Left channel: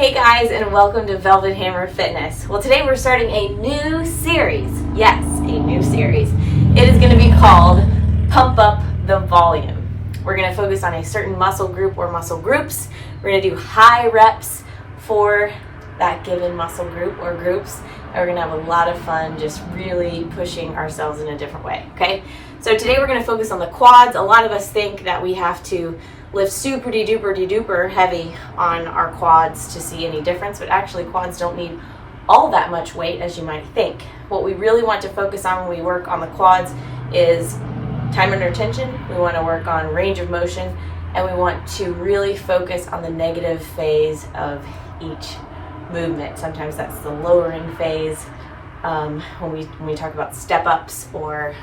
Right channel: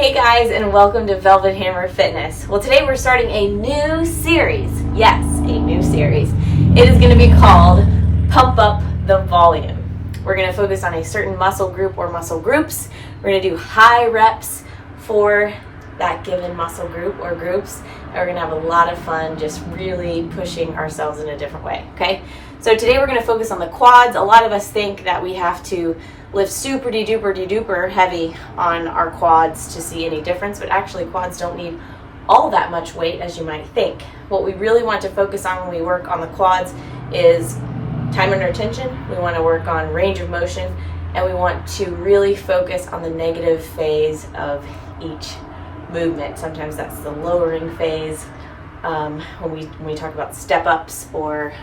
Hey guys, and welcome to Velvet Hammer Fitness. Well, today we're starting a new series. Yes, a new series. It is going to be called Pump Up the Volume. We're going to focus on a certain muscle group or muscle groups. We're going to do high reps for that given muscle group or groups. And we're going to have a lot of fun just really pushing ourselves in a different way, okay? So today we're going to focus on the quads. A lot of us think that we have to lift super duper heavy on our quads to see any difference, but actually quads don't need all that much weight as you might think. What we really want to focus on when we work on the quads is time under tension. We want to work on range of motion, and we want to really focus on the negative phase of each movement. Sometimes that's the lowering phase when we talk about step ups or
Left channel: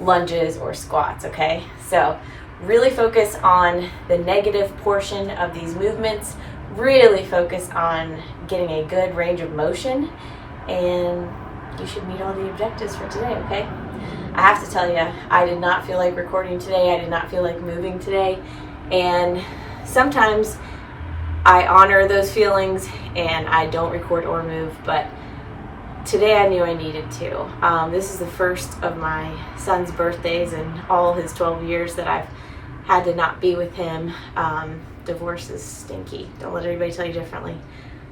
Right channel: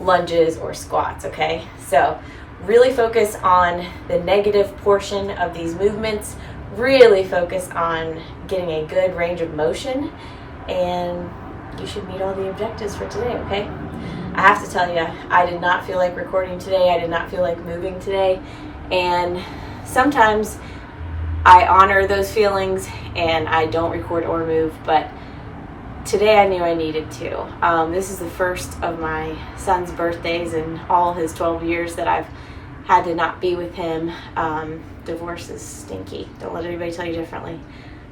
lunges or squats, okay? So really focus on the negative portion of these movements, really focus on getting a good range of motion, and you should meet all the objectives for today, okay? I have to tell you, I did not feel like recording today. I did not feel like moving today, and sometimes I honor those feelings and I don't record or move, but today I knew I needed to. This is the first of my son's birthdays in all his 12 years that I've had to not be with him. Divorce is stinky. Don't let anybody tell you differently.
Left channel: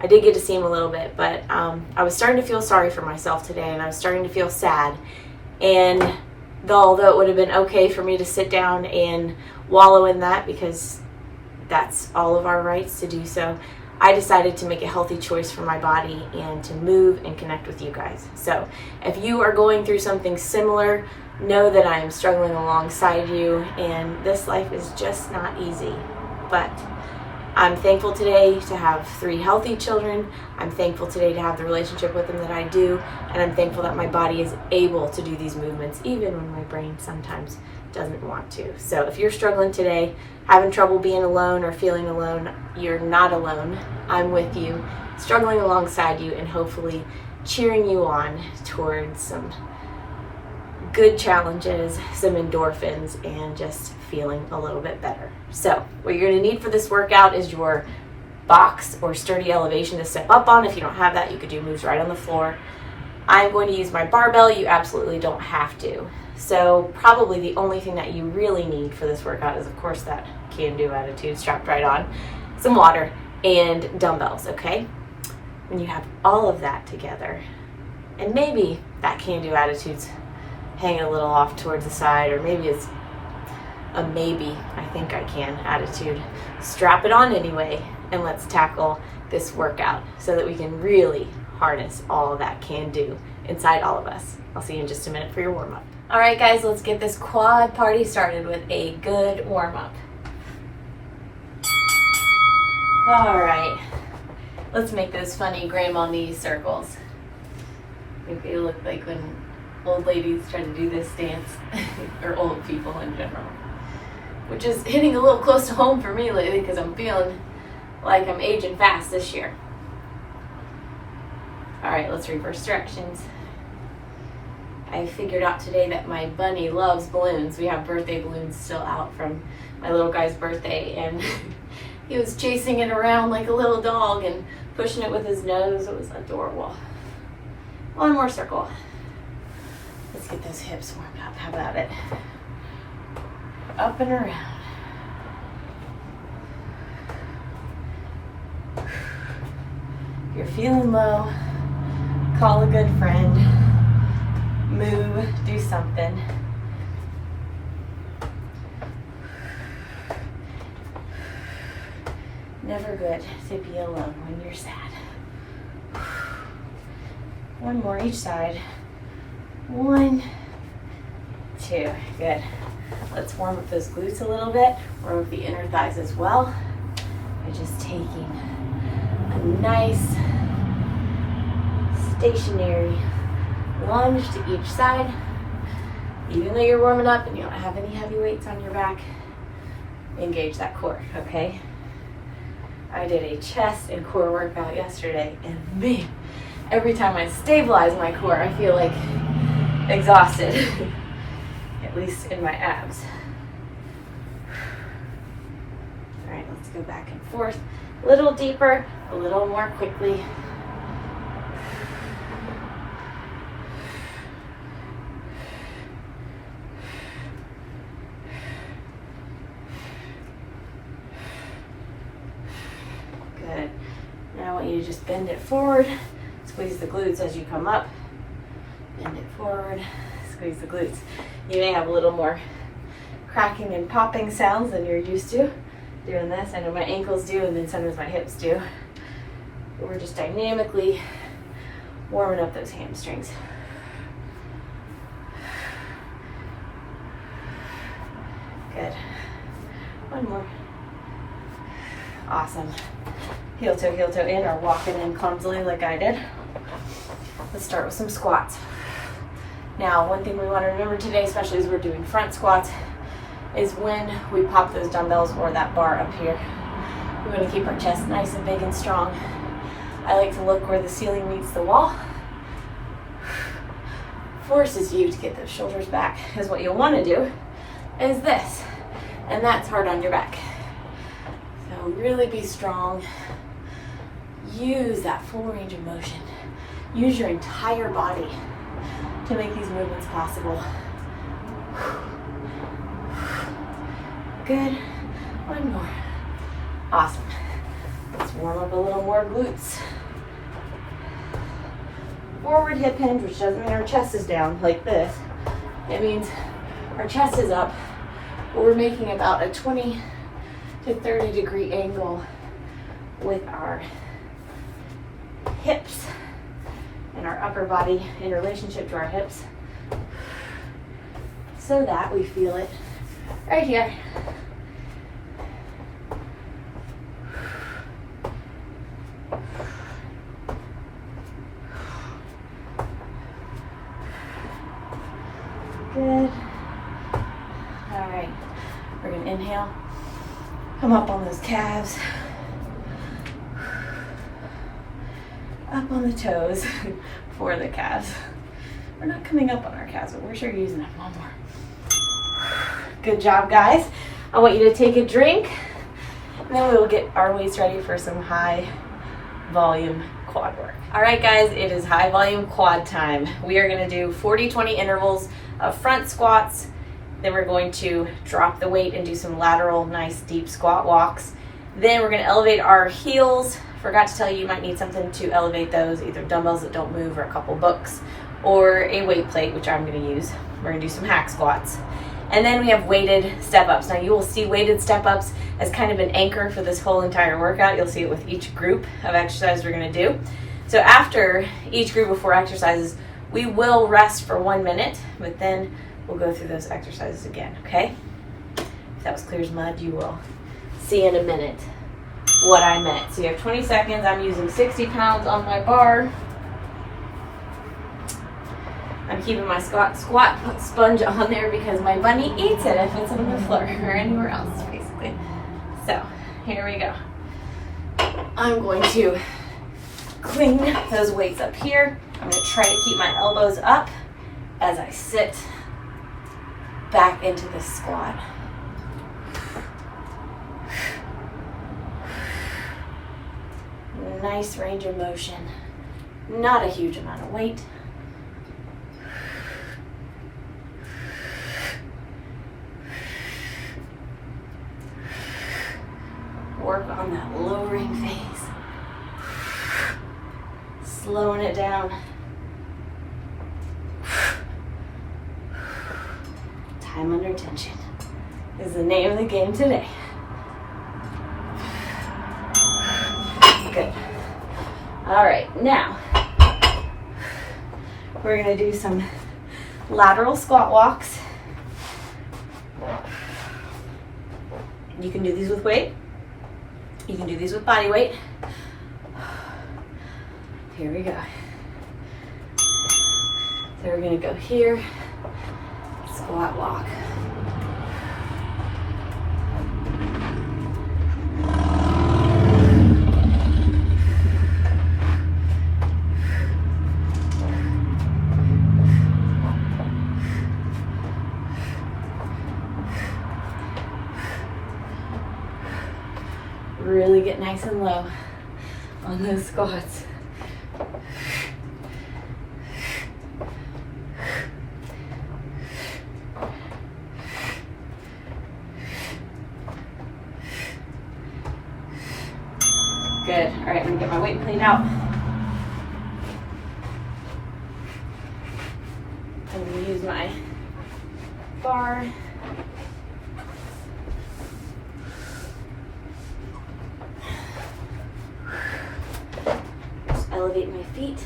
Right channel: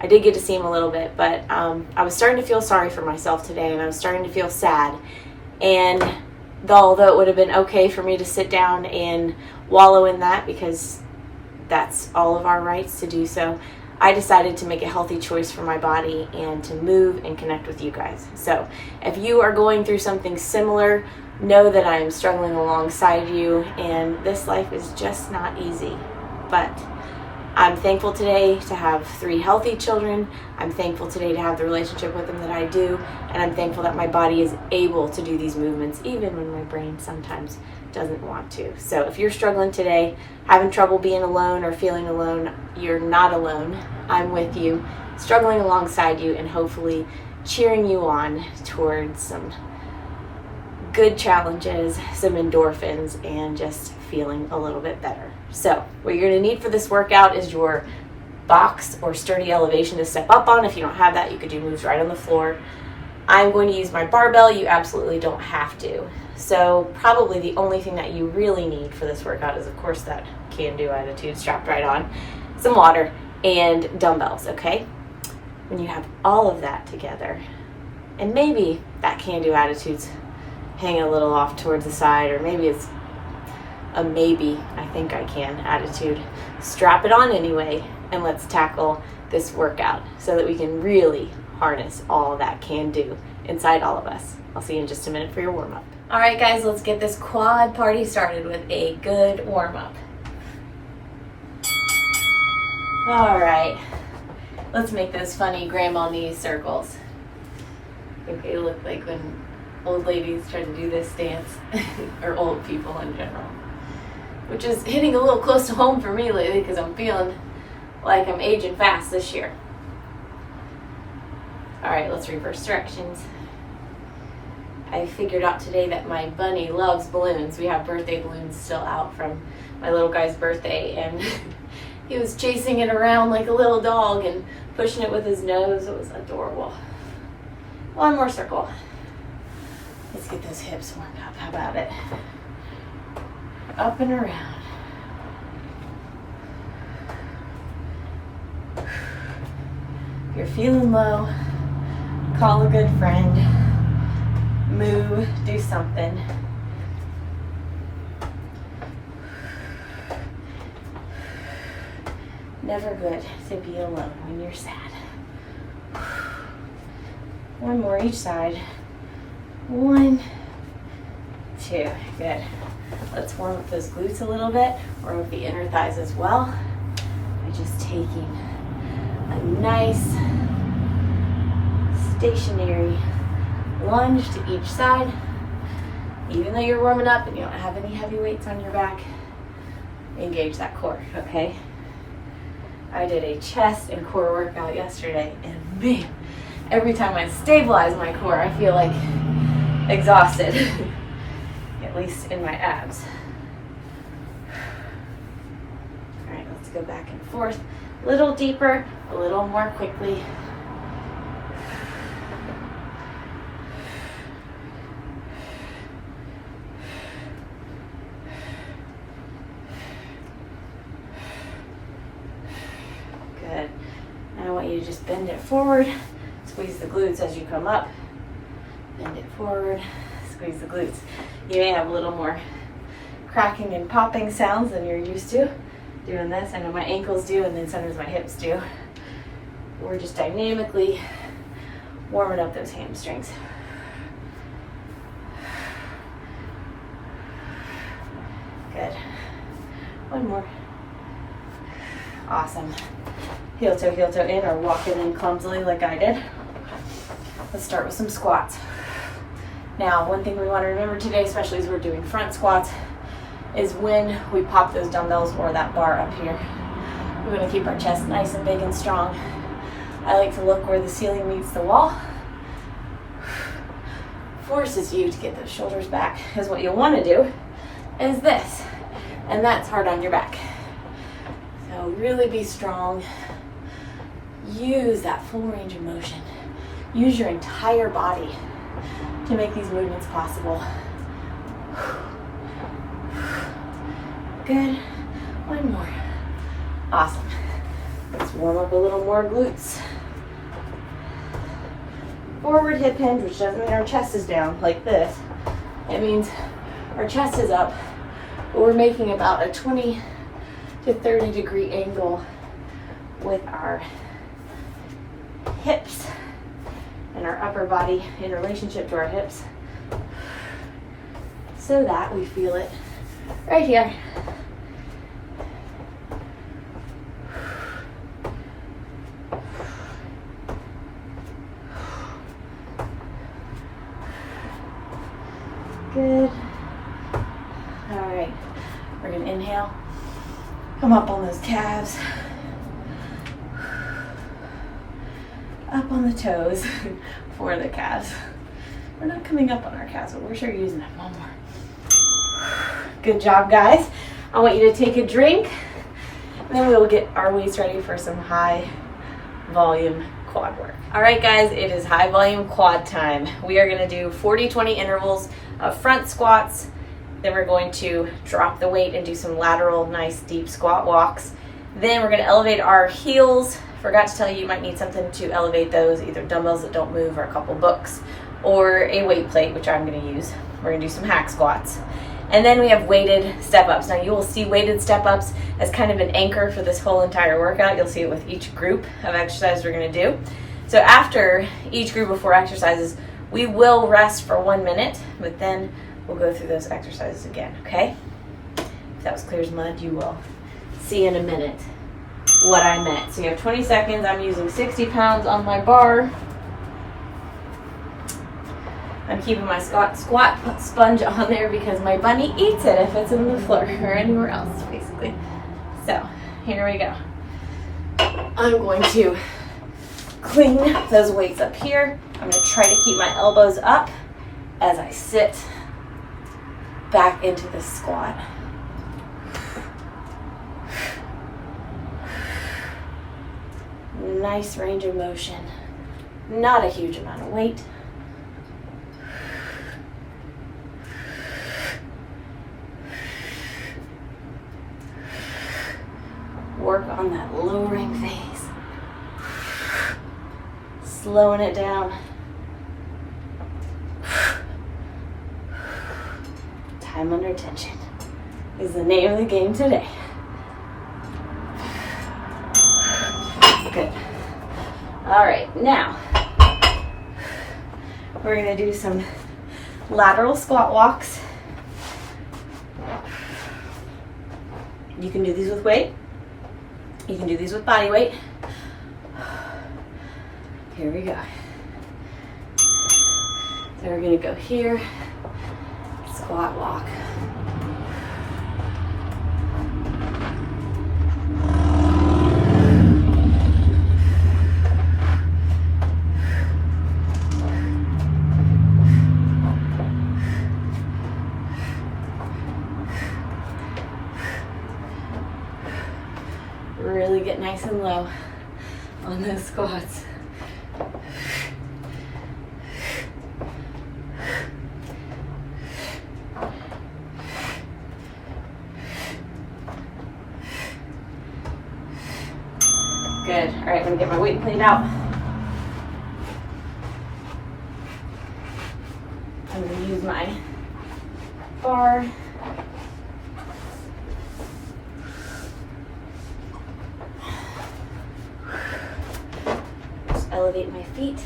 I did get to see him a little bit, but I was starting to feel sorry for myself today, and I was starting to feel sad. And although it would have been okay for me to sit down and wallow in that, because that's all of our rights to do so, I decided to make a healthy choice for my body and to move and connect with you guys. So if you are going through something similar, know that I am struggling alongside you, and this life is just not easy. But I'm thankful today to have 3 healthy children. I'm thankful today to have the relationship with them that I do, and I'm thankful that my body is able to do these movements even when my brain sometimes doesn't want to. So if you're struggling today, having trouble being alone or feeling alone, you're not alone. I'm with you, struggling alongside you, and hopefully cheering you on towards some good challenges, some endorphins, and just feeling a little bit better. So what you're going to need for this workout is your box or sturdy elevation to step up on. If you don't have that, you could do moves right on the floor. I'm going to use my barbell. You absolutely don't have to. So probably the only thing that you really need for this workout is, of course, that can-do attitude strapped right on, some water, and dumbbells, okay? When you have all of that together, and maybe that can-do attitude's hanging a little off towards the side, or maybe it's a maybe, I think I can attitude, strap it on anyway, and let's tackle this workout so that we can really harness all that can do inside all of us. I'll see you in just a minute for your warm-up. All right, guys, let's get this quad party started with a good warm-up. All right, let's make those funny grandma knee circles. I think they look like when old ladies try to do this dance, or old people in general, which is hitting a little close to home for me lately because I'm feeling like I'm aging fast this year. All right, let's reverse directions. I figured out today that my bunny loves balloons. We have birthday balloons still out from my little guy's birthday, and he was chasing it around like a little dog and pushing it with his nose. It was adorable. One more circle. Let's get those hips warmed up. How about it? Up and around. If you're feeling low, call a good friend. Move, do something. Never good to be alone when you're sad. One more each side. 1, 2, good. Let's warm up those glutes a little bit, warm up the inner thighs as well, by just taking a nice stationary lunge to each side. Even though you're warming up and you don't have any heavy weights on your back, engage that core, okay? I did a chest and core workout yesterday, and man, every time I stabilize my core, I feel like exhausted, at least in my abs. All right, let's go back and forth. A little deeper, a little more quickly. Good. Now I want you to just bend it forward. Squeeze the glutes as you come up. Bend it forward. Squeeze the glutes. You may have a little more cracking and popping sounds than you're used to doing this. I know my ankles do, and then sometimes my hips do. We're just dynamically warming up those hamstrings. Good. One more. Awesome. Heel toe in, or walking in clumsily like I did. Let's start with some squats. Now, one thing we want to remember today, especially as we're doing front squats, is when we pop those dumbbells or that bar up here, we want to keep our chest nice and big and strong. I like to look where the ceiling meets the wall. Forces you to get those shoulders back, because what you'll want to do is this, and that's hard on your back. So really be strong. Use that full range of motion. Use your entire body to make these movements possible. Good. One more. Awesome. Let's warm up a little more glutes. Forward hip hinge, which doesn't mean our chest is down like this. It means our chest is up, but we're making about a 20 to 30 degree angle with our hips and our upper body in relationship to our hips, so that we feel it right here. Good. All right, we're gonna inhale, come up on those calves, up on the toes for the calves. We're not coming up on our calves, but we're sure using them. One more. Good job, guys. I want you to take a drink, and then we'll get our weights ready for some high volume quad work. All right, guys, it is high volume quad time. We are gonna do 40-20 intervals of front squats. Then we're going to drop the weight and do some lateral, nice deep squat walks. Then we're gonna elevate our heels. Forgot to tell you, you might need something to elevate those, either dumbbells that don't move or a couple books, or a weight plate, which I'm gonna use. We're gonna do some hack squats. And then we have weighted step-ups. Now you will see weighted step-ups as kind of an anchor for this whole entire workout. You'll see it with each group of exercises we're gonna do. So after each group of 4 exercises, we will rest for 1 minute, but then we'll go through those exercises again, okay? If that was clear as mud, you will see in a minute what I meant. So you have 20 seconds. I'm using 60 pounds on my bar. I'm keeping my squat sponge on there because my bunny eats it if it's in the floor or anywhere else, basically. So here we go. I'm going to clean those weights up here. I'm going to try to keep my elbows up as I sit back into the squat. Nice range of motion. Not a huge amount of weight. Work on that lowering phase. Slowing it down. Time under tension is the name of the game today. Good. All right, now we're going to do some lateral squat walks. You can do these with weight. You can do these with body weight. Here we go. So we're going to go here, squat walk. Really get nice and low. on those squats. Good. All right, I'm gonna get my weight plate out. I'm gonna use my bar. Just elevate my feet.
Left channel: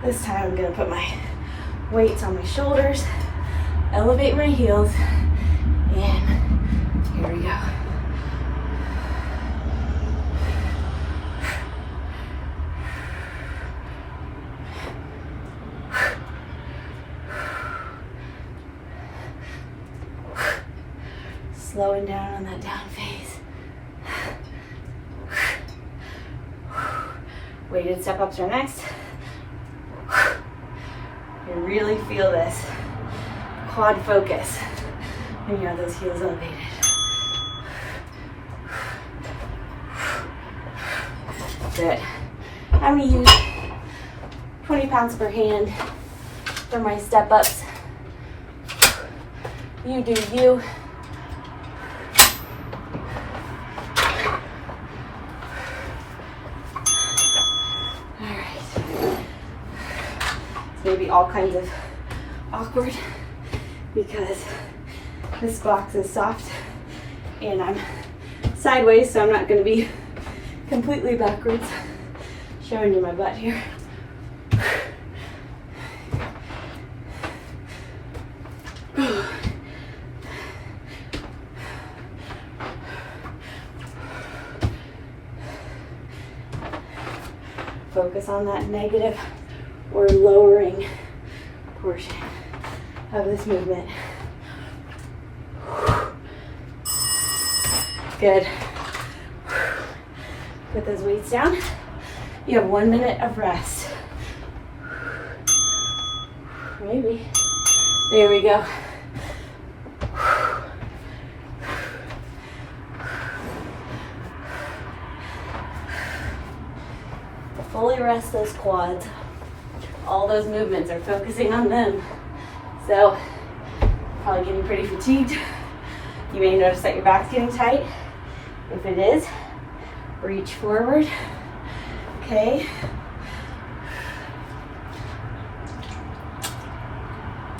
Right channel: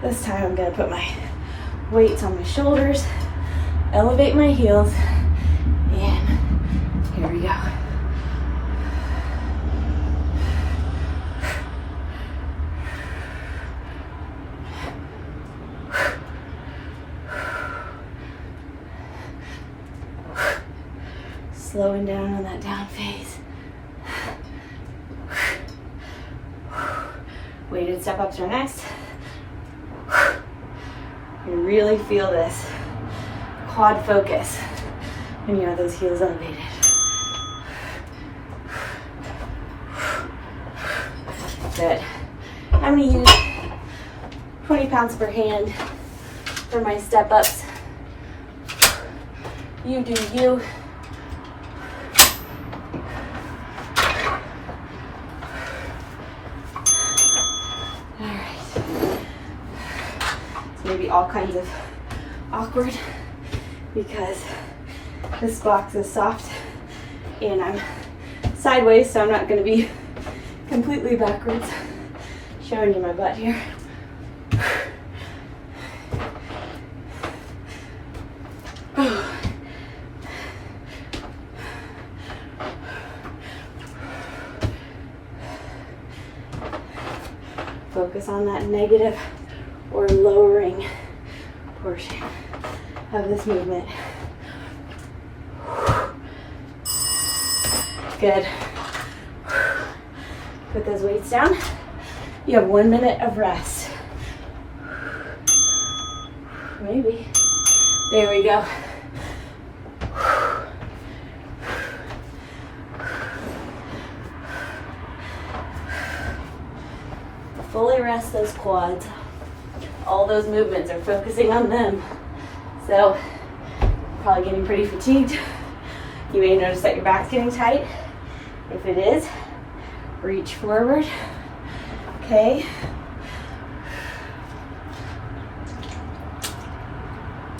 This time I'm gonna put my weights on my shoulders, elevate my heels, and here we go. Slowing down on that down phase. Weighted step ups are next. You really feel this quad focus when you have those heels elevated. Good. I'm going to use 20 pounds per hand for my step ups. You do you. Going to be all kinds of awkward because this box is soft and I'm sideways, so I'm not going to be completely backwards. Showing you my butt here. Focus on that negative or lowering portion of this movement. Good. Put those weights down. You have 1 minute of rest. Maybe. There we go. Fully rest those quads. All those movements are focusing on them. So, probably getting pretty fatigued. You may notice that your back's getting tight. If it is, reach forward. Okay.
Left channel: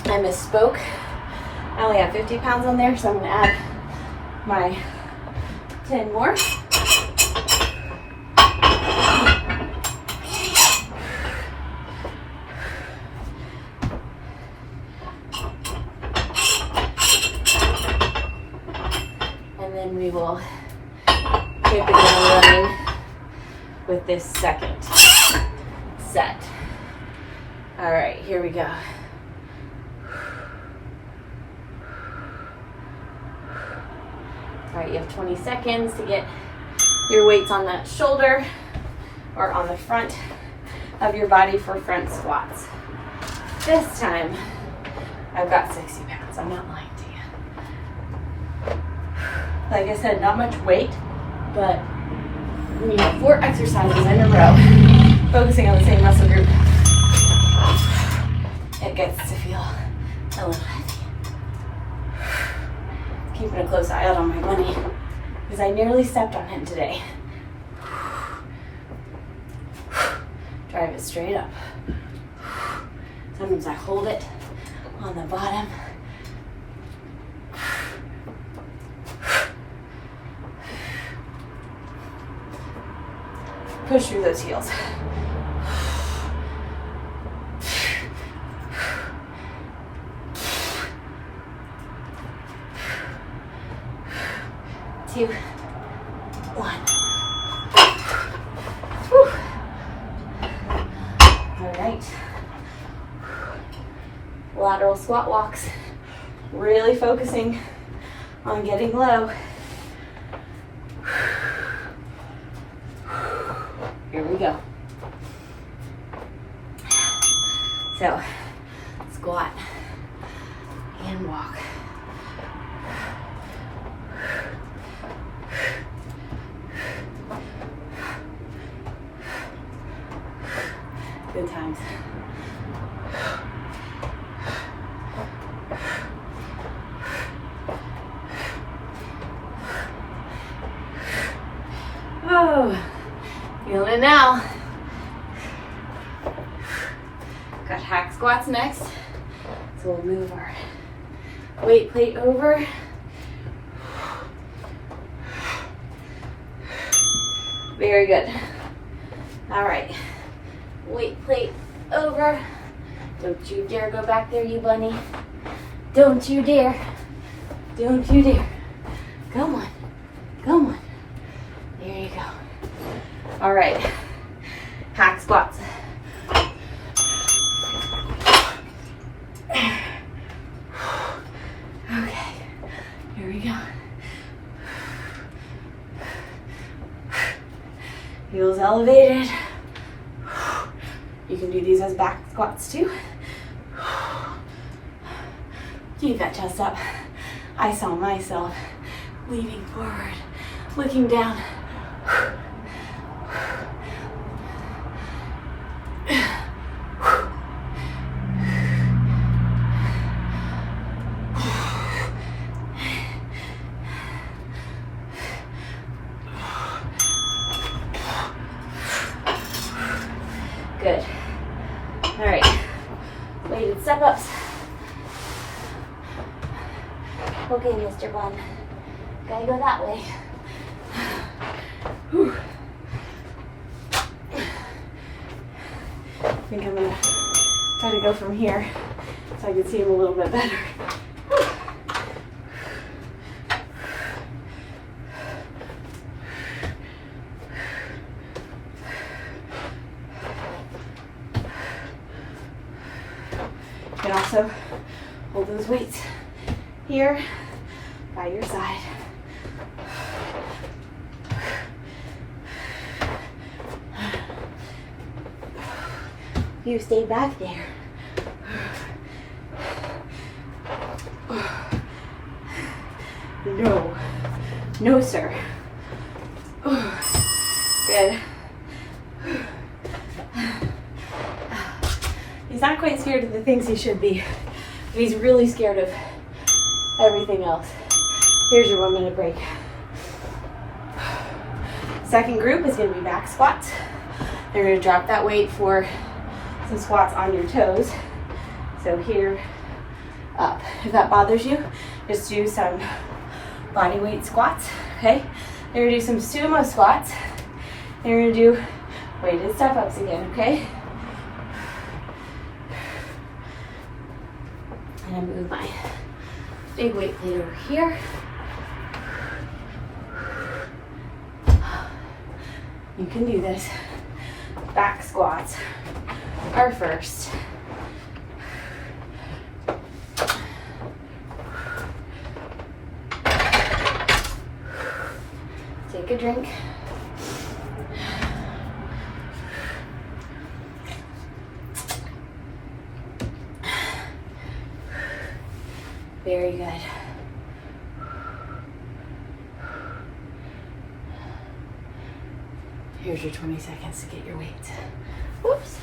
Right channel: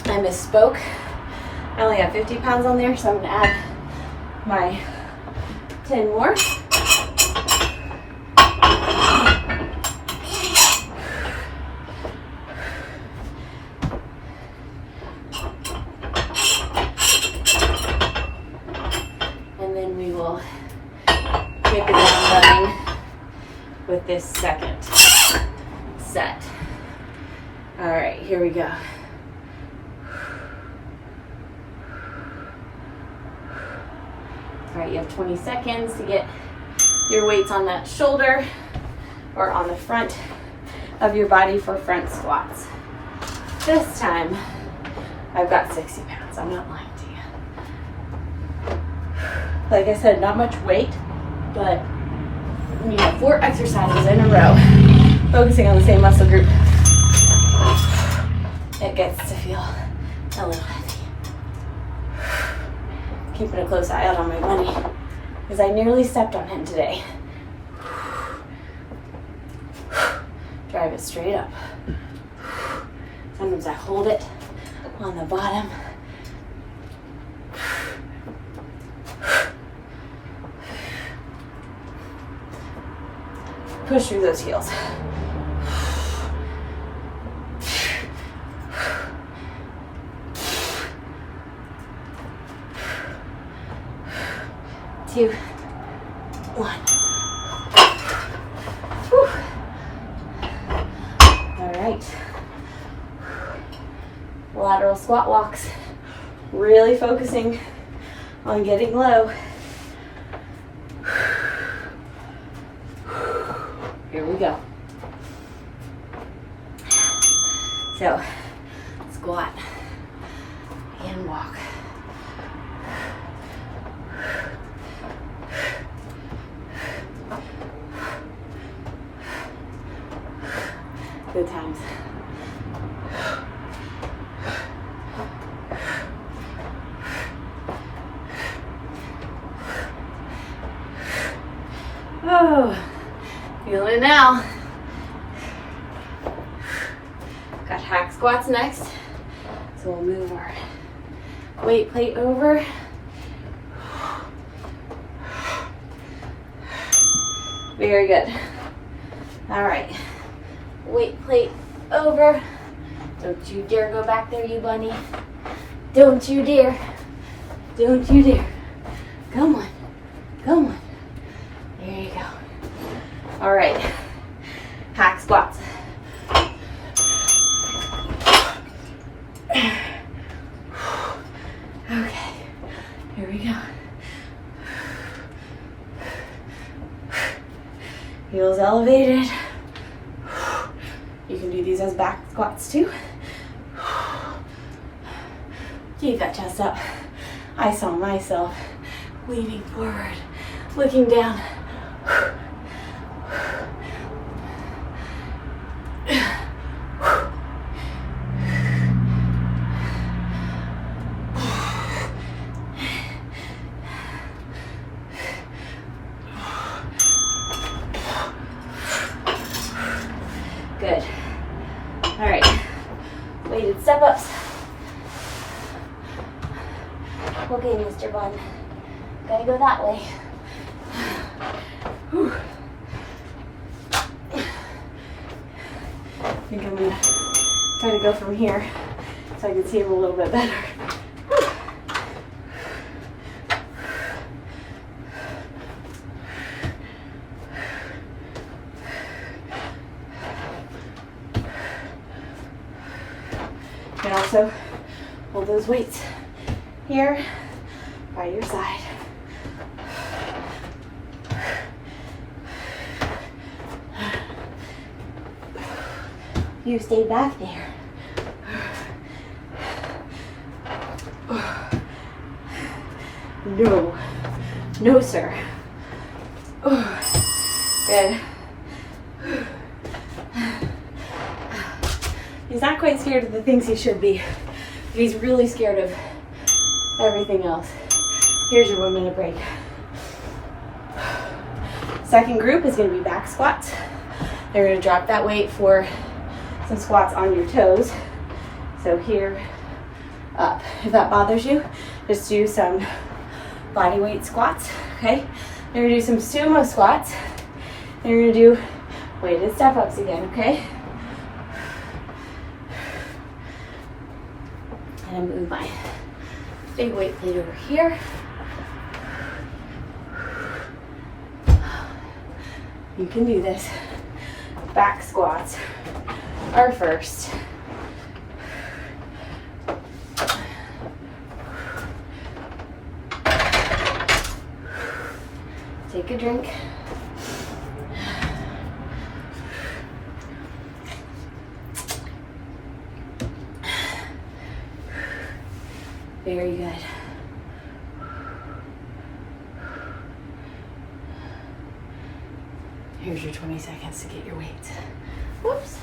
I misspoke. I only have 50 pounds on there, so I'm gonna add my 10 more. With this second set. All right, here we go. All right, you have 20 seconds to get your weights on that shoulder or on the front of your body for front squats. This time, I've got 60 pounds. I'm not lying to you. Like I said, not much weight, but you have 4 exercises in a row, focusing on the same muscle group. It gets to feel a little heavy. Keeping a close eye out on my bunny, because I nearly stepped on him today. Drive it straight up. Sometimes I hold it on the bottom. Push through those heels. 2, 1. Whew. All right. Lateral squat walks. Really focusing on getting low. Here we go. So, squat and walk. Good times. Oh, feeling it now. Got hack squats next. So we'll move our weight plate over. Very good. All right, weight plate over. Don't you dare go back there, you bunny. Don't you dare. Don't you dare. Come on, come on. There you go. All right, hack squats. Okay, here we go. Heels elevated. You can do these as back squats too. Keep that chest up. I saw myself leaning forward, looking down. Good. All right, weighted step-ups. Okay, Mr. Bun, gotta go that way. Whew. I think I'm gonna try to go from here so I can see him a little bit better. You can also hold those weights here by your side. You stay back there. No. No, sir. Good. He's not quite scared of the things he should be. He's really scared of everything else. Here's your 1 minute break. Second group is going to be back squats. They're going to drop that weight for some squats on your toes. So here, up. If that bothers you, just do some body weight squats, okay? Then we're going to do some sumo squats. Then we're going to do weighted step-ups again, okay? And I move my big weight plate over here. You can do this. Back squats are first. Take a drink. Very good. Here's your 20 seconds to get your weight. Whoops.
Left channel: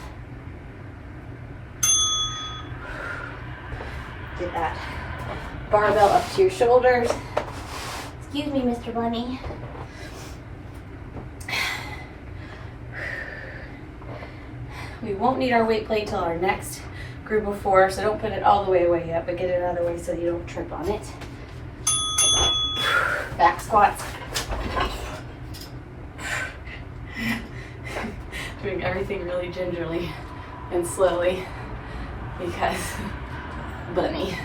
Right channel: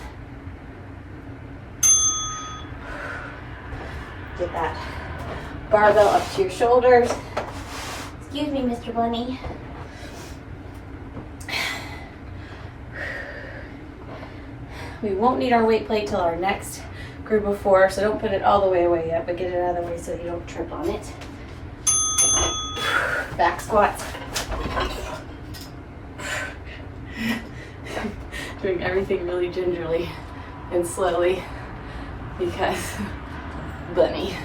Get that barbell up to your shoulders. Excuse me, Mr. Bunny. We won't need our weight plate till our next group of 4, so don't put it all the way away yet, but get it out of the way so you don't trip on it. Back squats. Doing everything really gingerly and slowly because bunny.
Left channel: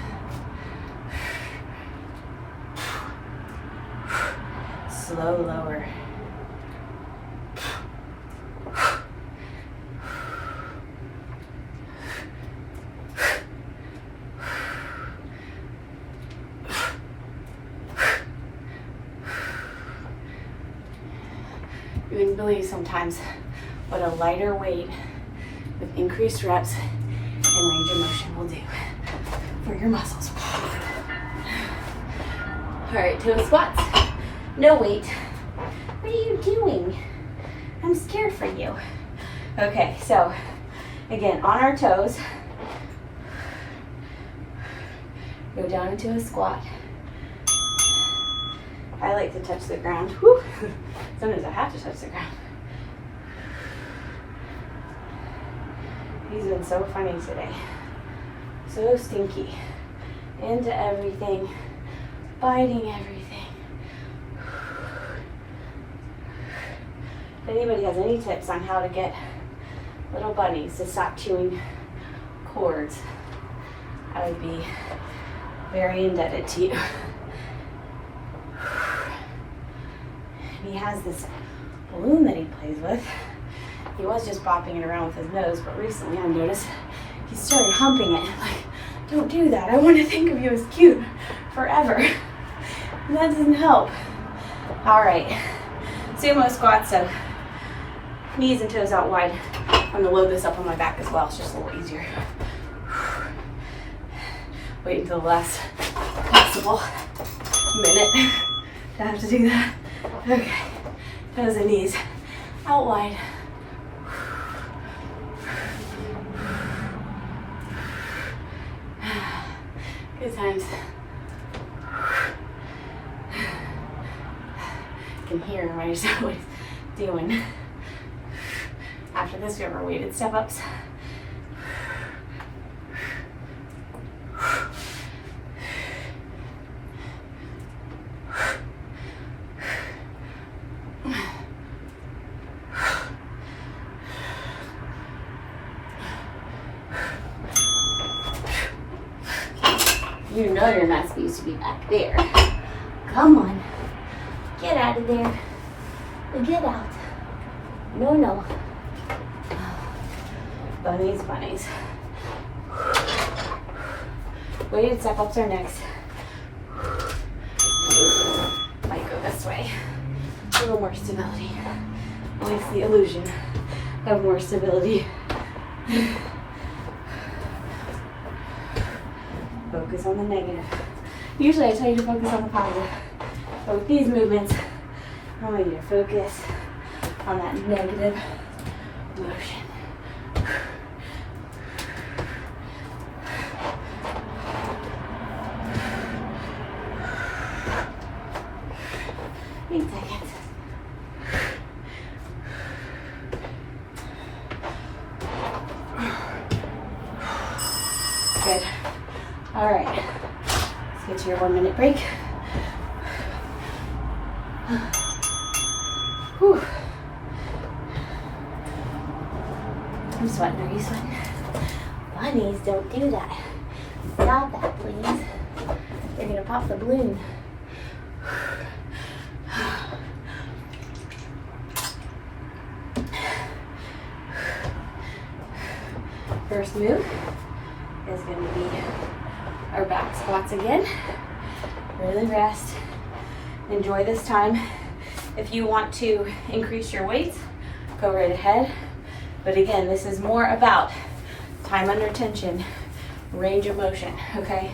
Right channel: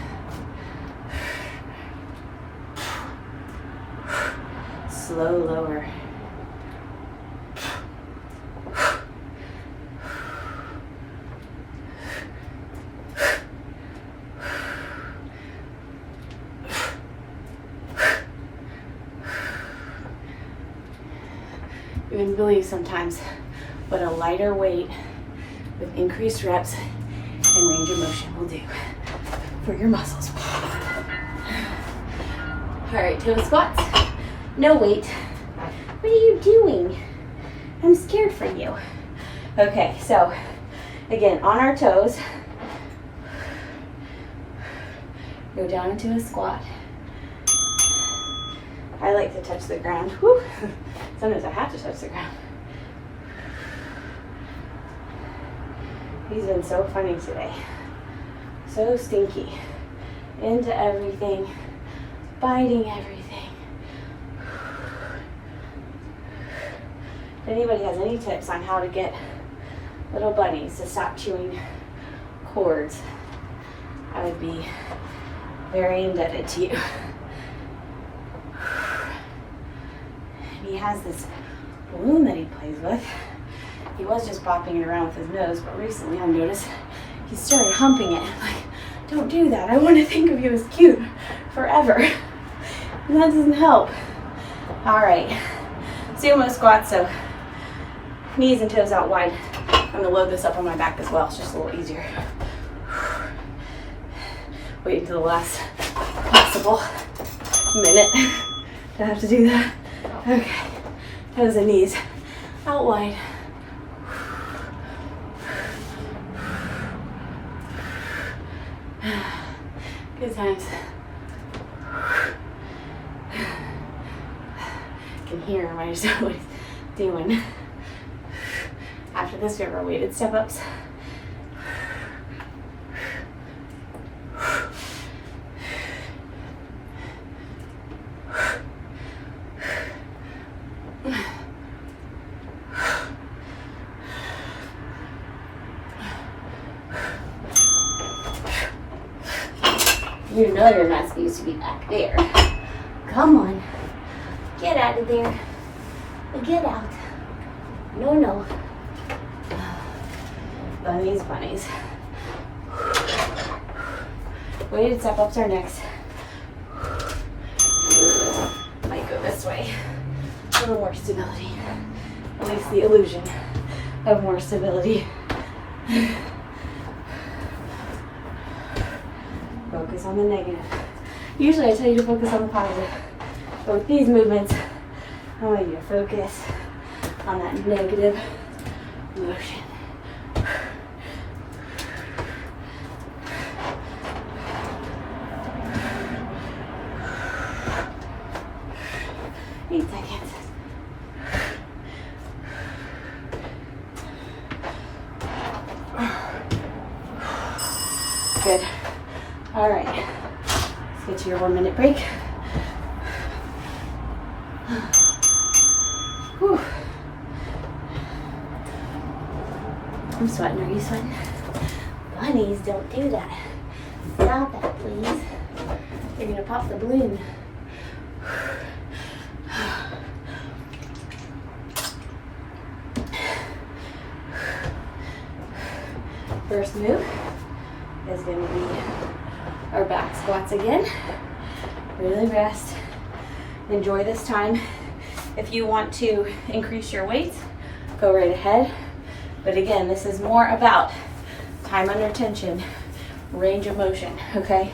Slow lower. You wouldn't believe sometimes what a lighter weight with increased reps and range of motion will do for your muscles. All right, toe squats, no weight. What are you doing? I'm scared for you. Okay, so Again, on our toes. Go down into a squat. I like to touch the ground. Whew. Sometimes I have to touch the ground. He's been so funny today. So stinky. Into everything. Biting everything. If anybody has any tips on how to get little bunnies to stop chewing cords, I would be very indebted to you. He has this balloon that he plays with. He was just bopping it around with his nose, but recently I've noticed he started humping it. I'm like, don't do that. I want to think of you as cute forever. And that doesn't help. All right, sumo squat, so knees and toes out wide. I'm gonna load this up on my back as well. It's just a little easier. Wait until the last possible minute to have to do that. Okay, toes and knees out wide. Good times. I can hear him, I just know what he's doing. After this, we have our weighted step-ups. You know you're not supposed to be back there. Come on. Get out of there. Get out. No, no. Bunnies, bunnies. Weighted step-ups are next. Might go this way. A little more stability. At least the illusion of more stability. Focus on the negative. Usually I tell you to focus on the positive, but with these movements, I want you to focus on that negative motion. Good. All right. Let's get to your 1 minute break. Whew. I'm sweating. Are you sweating? Bunnies, don't do that. Stop that, please. You're gonna pop the balloon. First move is going to be our back squats again. Really rest. Enjoy this time. If you want to increase your weights, go right ahead. But again, this is more about time under tension, range of motion, okay?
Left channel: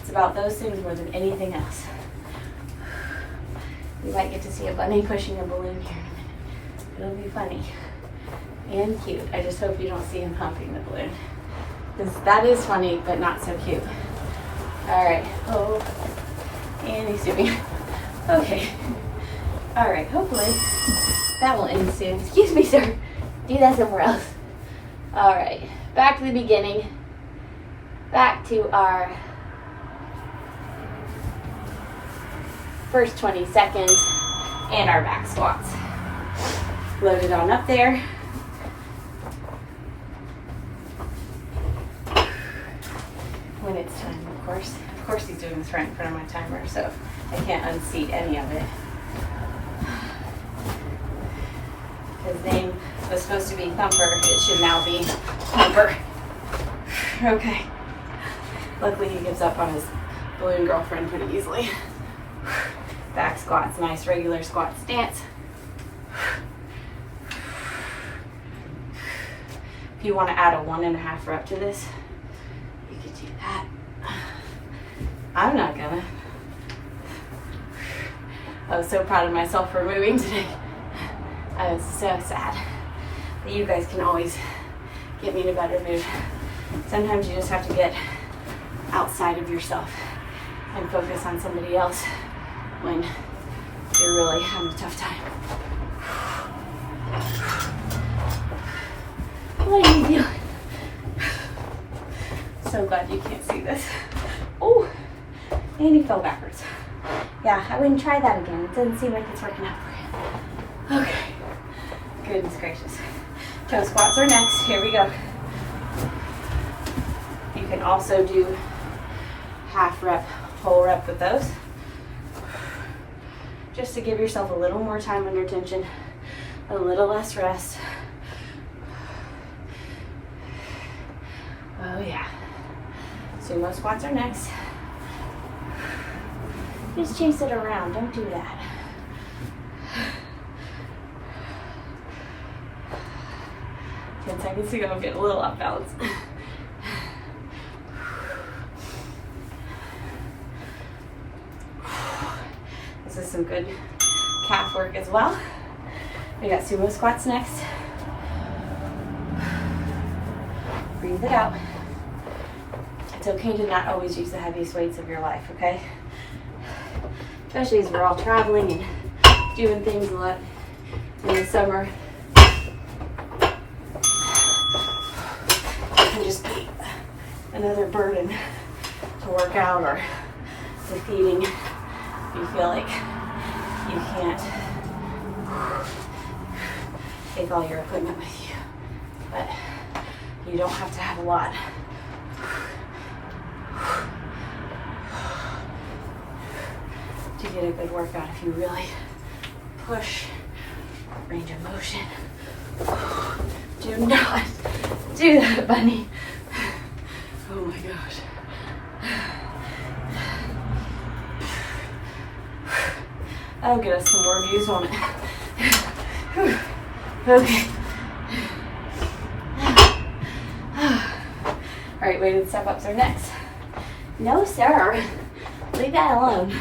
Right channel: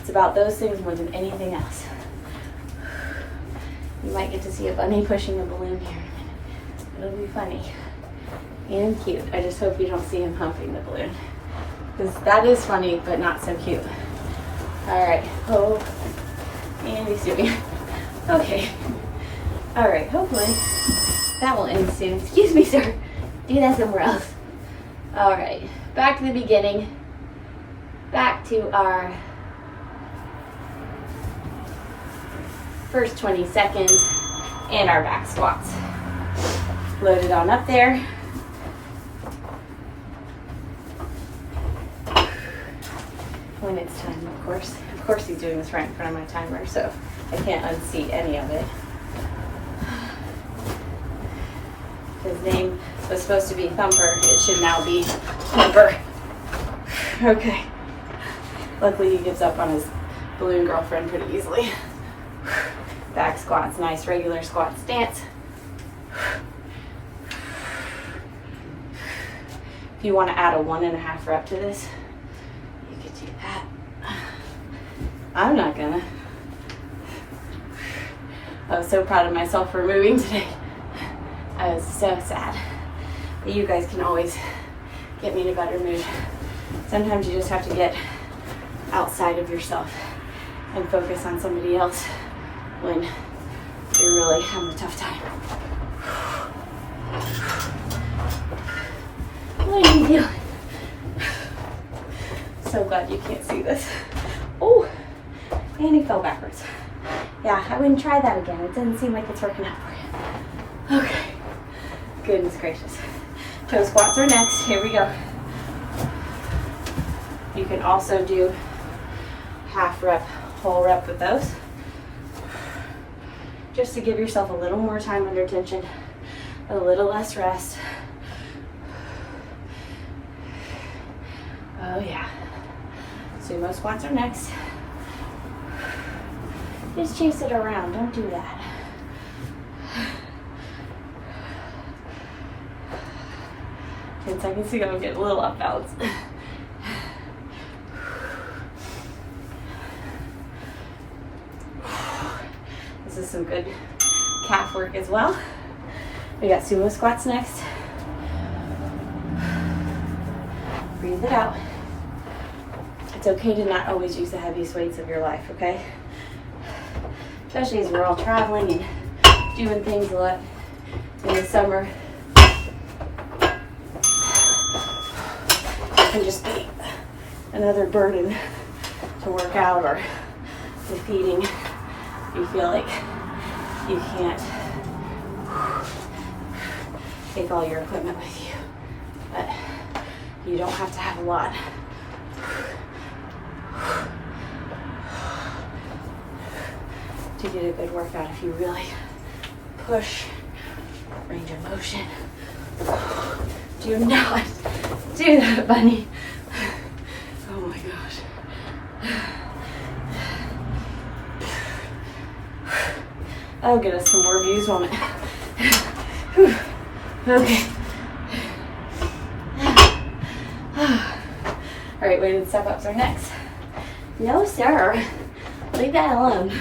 It's about those things more than anything else. You might get to see a bunny pushing a balloon here in a minute. It'll be funny and cute. I just hope you don't see him humping the balloon, because that is funny, but not so cute. All right, oh, and he's doing it. Okay, all right, hopefully that will end soon. Excuse me, sir, do that somewhere else. All right, back to the beginning, back to our first 20 seconds and our back squats. Load it on up there. When it's time, of course he's doing this right in front of my timer, so I can't unseat any of it. His name was supposed to be Thumper, it should now be Thumper. Okay. Luckily he gives up on his balloon girlfriend pretty easily. Back squats, nice regular squat stance. If you want to add a 1.5 rep to this, you could do that. I'm not gonna. I was so proud of myself for moving today. I was so sad. But you guys can always get me in a better mood. Sometimes you just have to get outside of yourself and focus on somebody else when you're really having a tough time. What are you doing? So glad you can't see this. Oh, and you fell backwards. Yeah, I wouldn't try that again. It doesn't seem like it's working out for you. Okay, goodness gracious. Toe squats are next. Here we go. You can also do half rep, whole rep with those, just to give yourself a little more time under tension, a little less rest. Oh yeah. Sumo squats are next. Just chase it around, don't do that. 10 seconds to go, get a little off balance. This is some good calf work as well. We got sumo squats next. Breathe it out. It's okay to not always use the heaviest weights of your life, okay? Especially as we're all traveling and doing things a lot in the summer. It can just be another burden to work out or defeating. You feel like you can't take all your equipment with you, but you don't have to have a lot. To get a good workout if you really push range of motion. Do not do that, bunny. Oh my gosh. That'll get us some more views on it. Okay. All right, weighted step ups are next. No, sir. Leave that alone.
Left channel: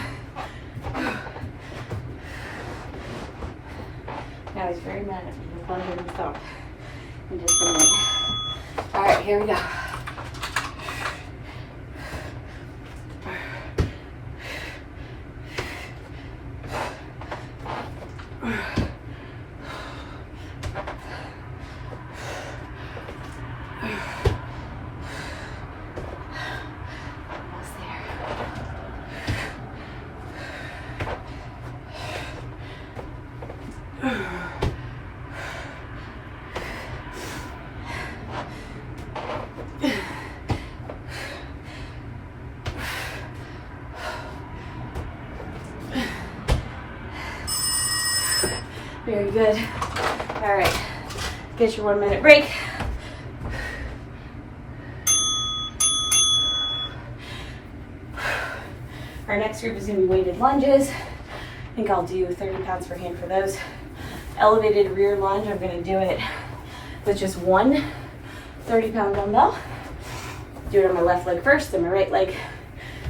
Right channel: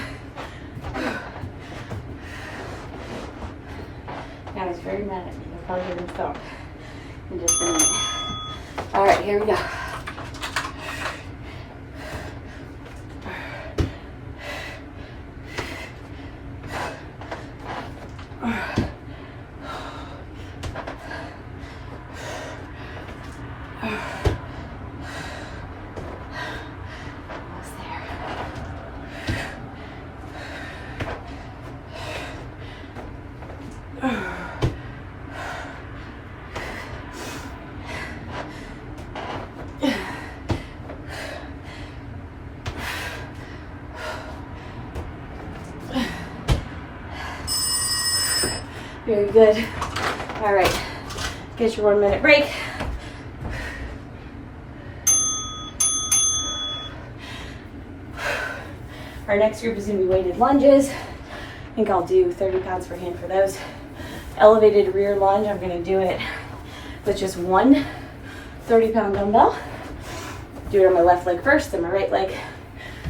Now he's very mad at me. You'll probably hear him thump in just a minute. All right, here we go. Very good. All right, get your 1 minute break. Our next group is gonna be weighted lunges. I think I'll do 30 pounds per hand for those. Elevated rear lunge, I'm gonna do it with just one 30-pound dumbbell. Do it on my left leg first, then my right leg.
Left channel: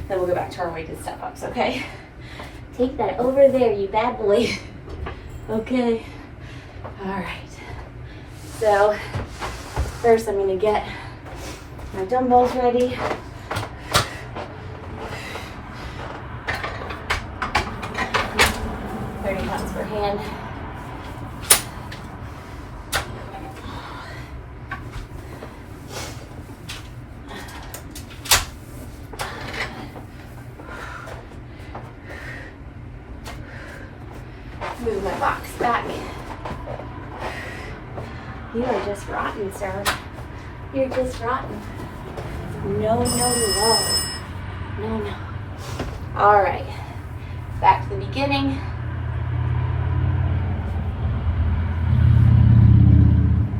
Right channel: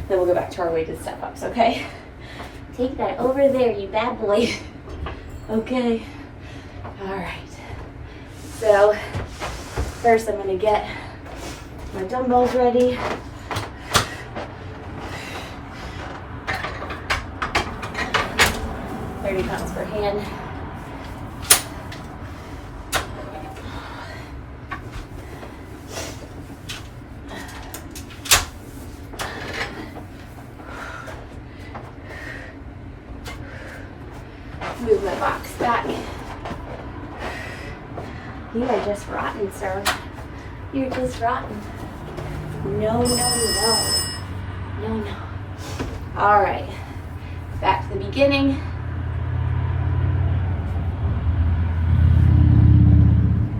Then we'll go back to our weighted step ups, okay? Take that over there, you bad boy. Okay, all right. So first I'm gonna get my dumbbells ready. £30 per hand. Move my box back. You are just rotten, sir. You're just rotten. No, no, no. No, no. All right. Back to the beginning.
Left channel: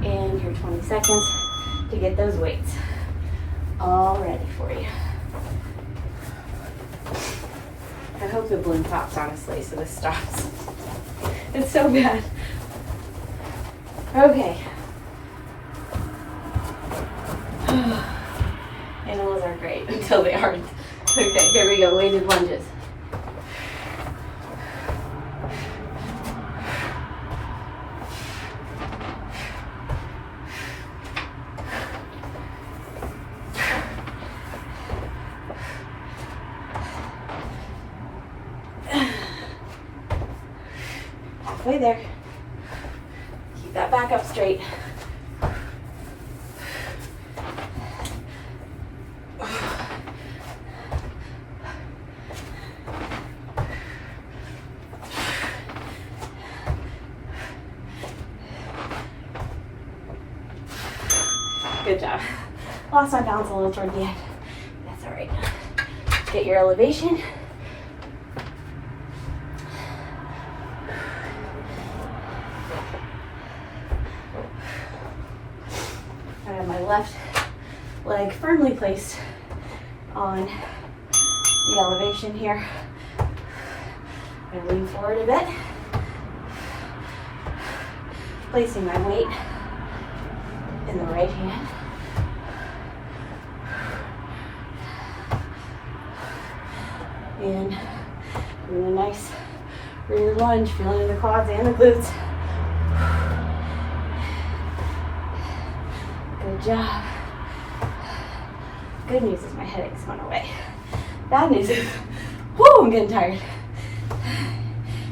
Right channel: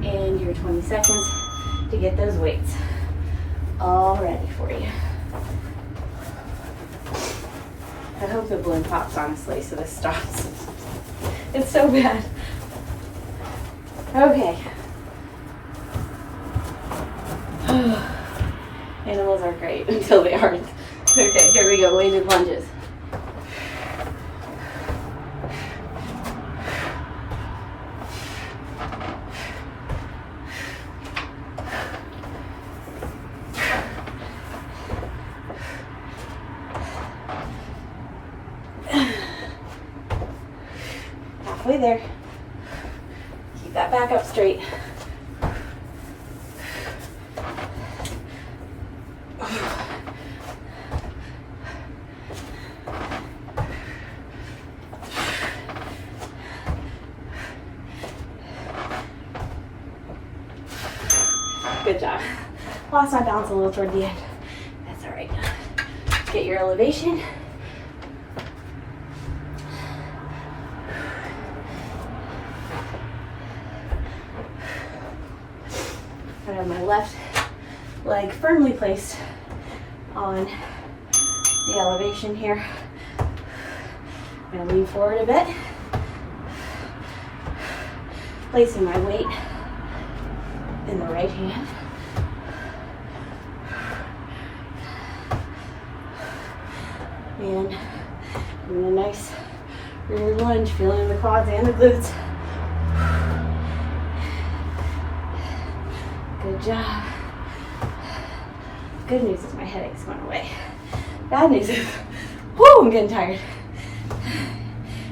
And your 20 seconds to get those weights all ready for you. I hope the balloon pops, honestly, so this stops. It's so bad. Okay. Animals are great until they aren't. Okay, here we go, weighted lunges. Halfway there. Keep that back up straight. Good job. Lost my balance a little toward the end. That's all right. Get your elevation. I have my left leg firmly placed on the elevation here. I'm going to lean forward a bit, placing my weight in the right hand. And doing a nice rear lunge, feeling the quads and the glutes. Good job. Good news is my headache's went away. Bad news is, whoo, I'm getting tired.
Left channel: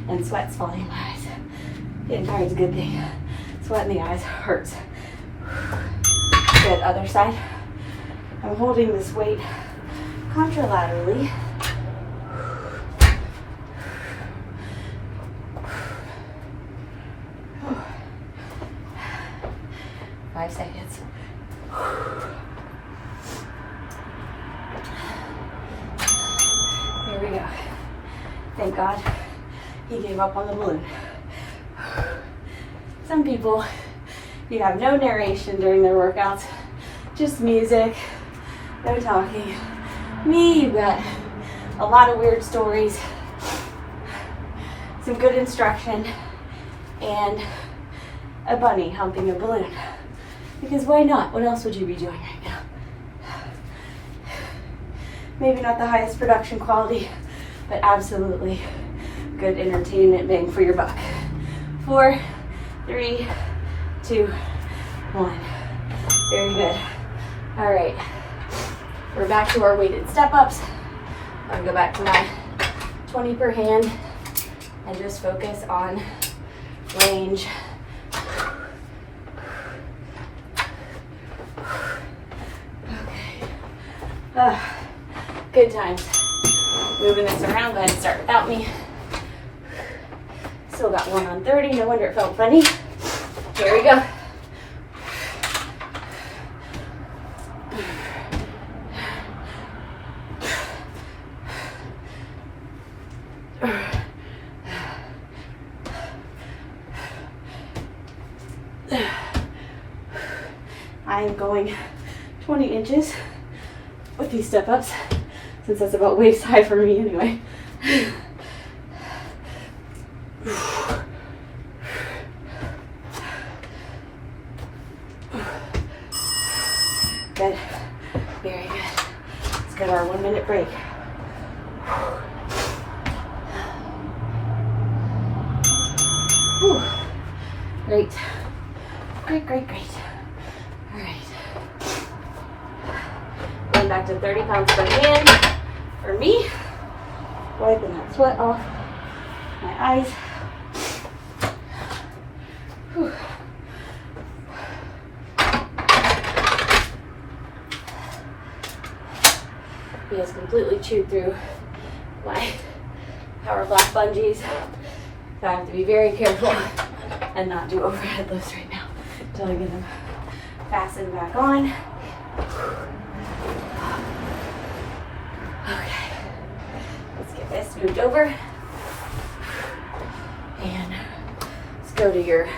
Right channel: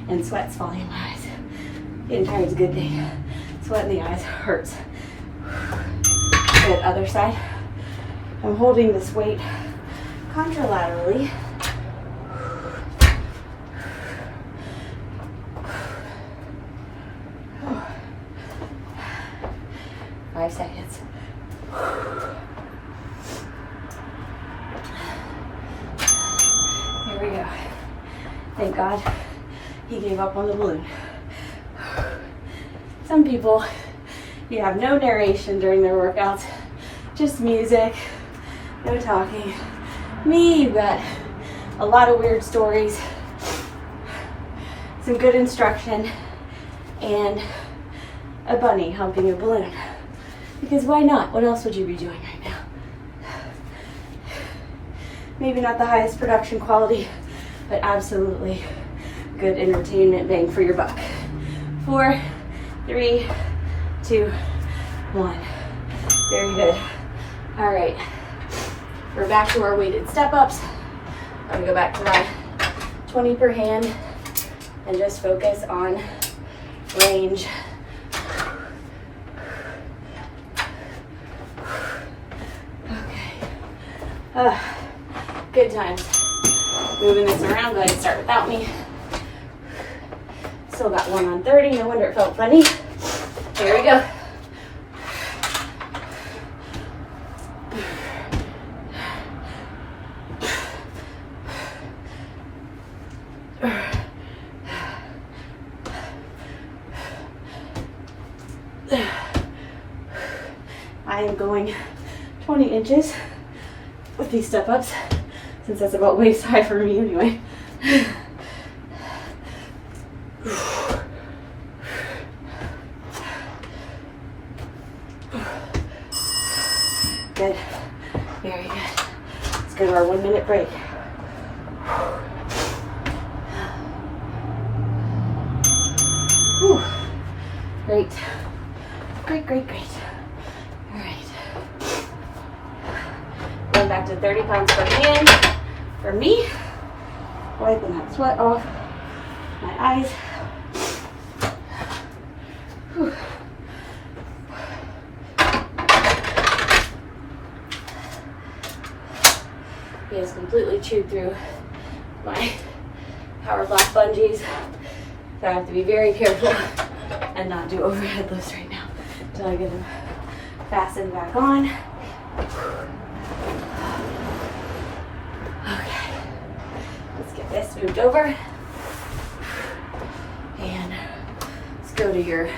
And sweat's falling in my eyes. Getting tired is a good thing. Sweat in the eyes hurts. Good, other side. I'm holding this weight contralaterally. 5 seconds. Here we go. Thank God he gave up on the balloon. Some people, you have no narration during their workouts, just music, no talking. Me, you've got a lot of weird stories, some good instruction, and a bunny humping a balloon. Because why not? What else would you be doing right now? Maybe not the highest production quality, but absolutely good entertainment bang for your buck. 4, 3, 2, 1. Very good. All right, we're back to our weighted step-ups. I'm gonna go back to my 20 per hand and just focus on range. Good times. Moving this around, go ahead and start without me. Still got 1 on 30, no wonder it felt funny. There we go. I am going 20 inches with these step-ups, since that's about waist high for me anyway. Good. Very good. Let's go to our 1 minute break. Whew. Great. Great, great, great. All right. Going back to 30 pounds per hand for me. Wiping that sweat off my eyes. Whew. He has completely chewed through my power block bungees, so I have to be very careful and not do overhead lifts right now until I get them fastened back on. Okay, let's get this moved over, and let's go to your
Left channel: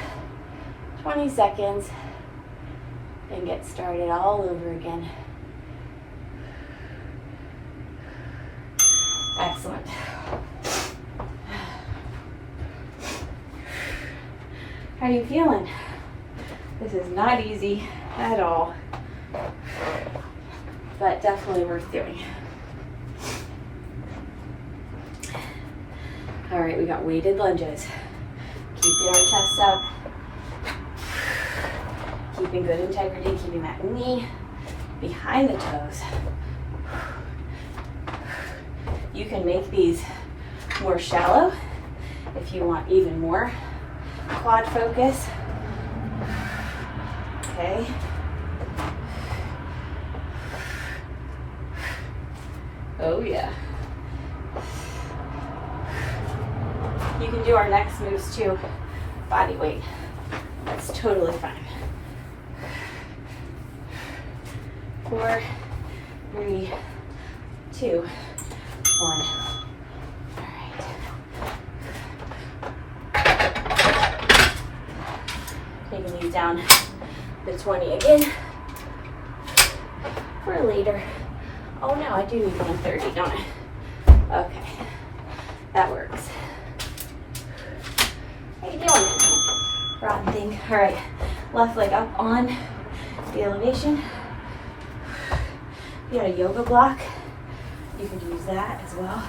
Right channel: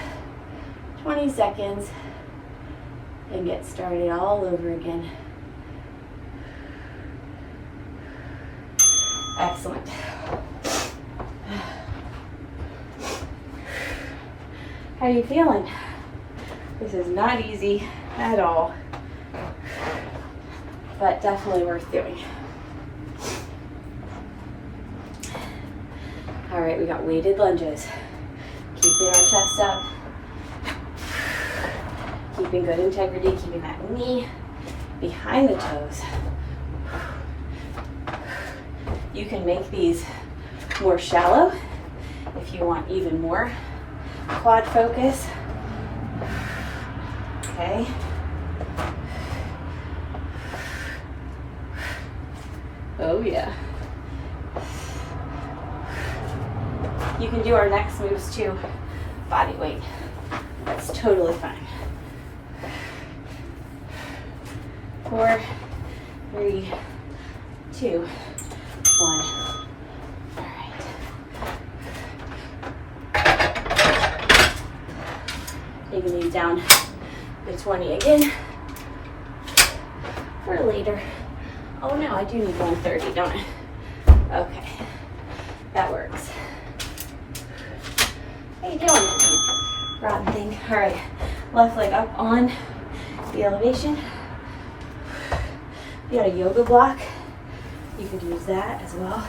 20 seconds and get started all over again. Excellent. How are you feeling? This is not easy at all, but definitely worth doing. All right, we got weighted lunges. Keeping our chest up. Keeping good integrity, keeping that knee behind the toes. You can make these more shallow If you want even more quad focus, okay. Oh yeah. You can do our next moves too, body weight. That's totally fine. 4, 3, 2, 1. All right. Taking these down to 20 again for later. Oh no, I do need 130, don't I? Okay, that works. How you doing? Rotten thing. All right, left leg up on the elevation. If you got a yoga block, you could use that as well.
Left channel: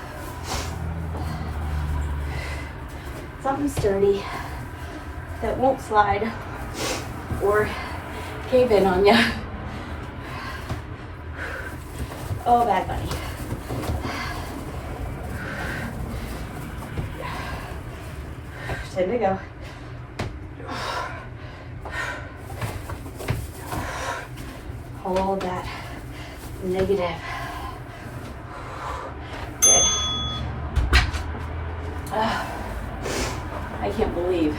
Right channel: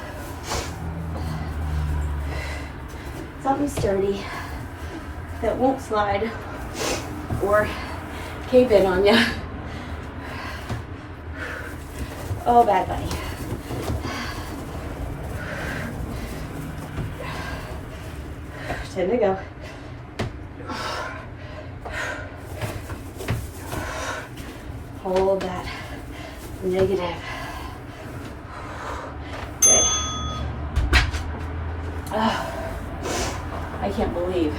Something sturdy that won't slide or cave in on you. Oh, bad bunny. Time to go. Hold that negative. Good. I can't believe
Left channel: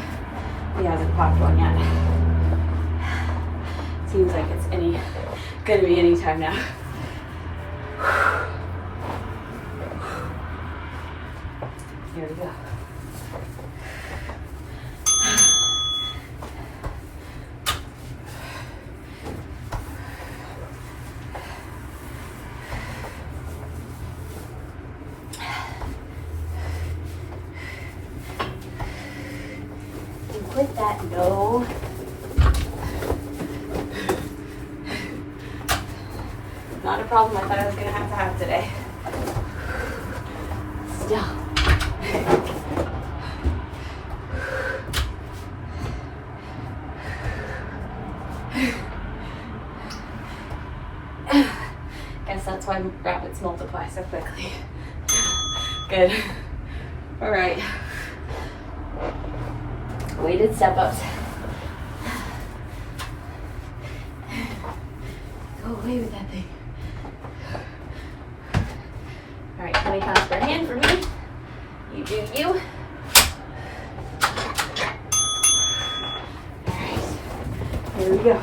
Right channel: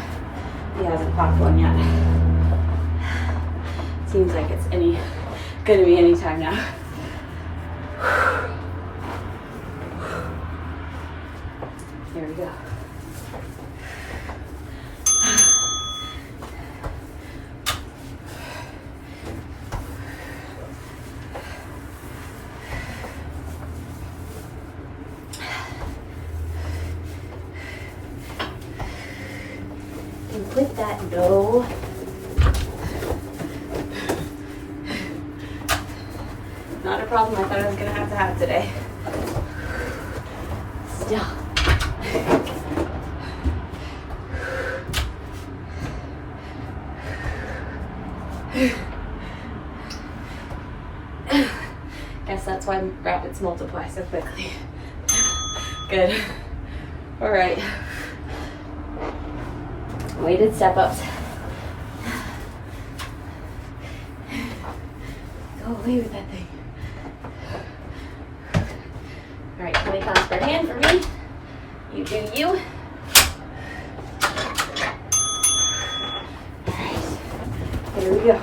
he hasn't popped one yet. Seems like it's gonna be any time now. Here we go. And quit that, no. Not a problem I thought I was gonna have today. Still. Guess that's why rabbits multiply so quickly. Good. All right. Weighted step-ups. Go away with that thing. All right, 20 pounds per hand for me. You do you. All right, here we go.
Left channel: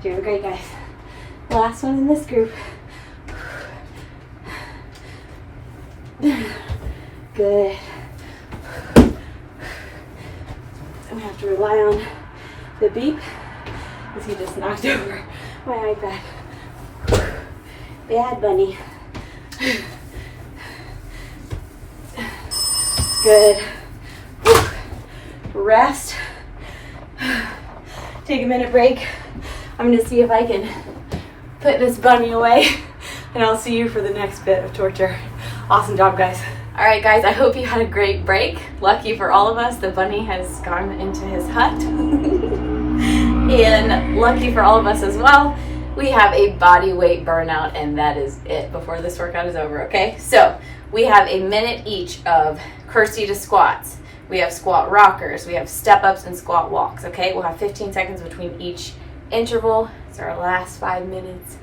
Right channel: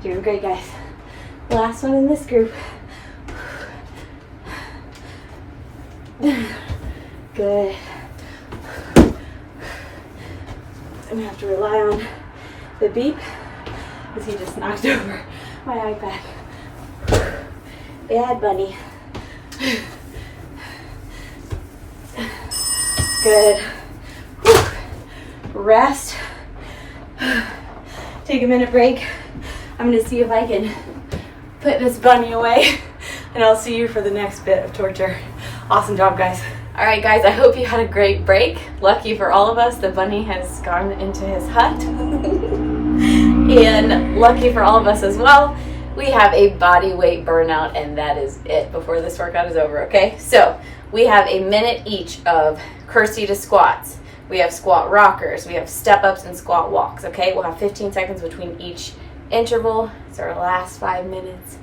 Doing great, guys. Last one in this group. Good. I'm gonna have to rely on the beep because he just knocked over my iPad. Bad bunny. Good. Rest. Take a minute break. I'm gonna see if I can put this bunny away, and I'll see you for the next bit of torture. Awesome job, guys. All right, guys, I hope you had a great break. Lucky for all of us, the bunny has gone into his hut. And lucky for all of us as well, we have a body weight burnout, and that is it before this workout is over, okay? So we have a minute each of curtsy to squats. We have squat rockers, we have step-ups and squat walks, okay? We'll have 15 seconds between each interval. It's our last 5 minutes,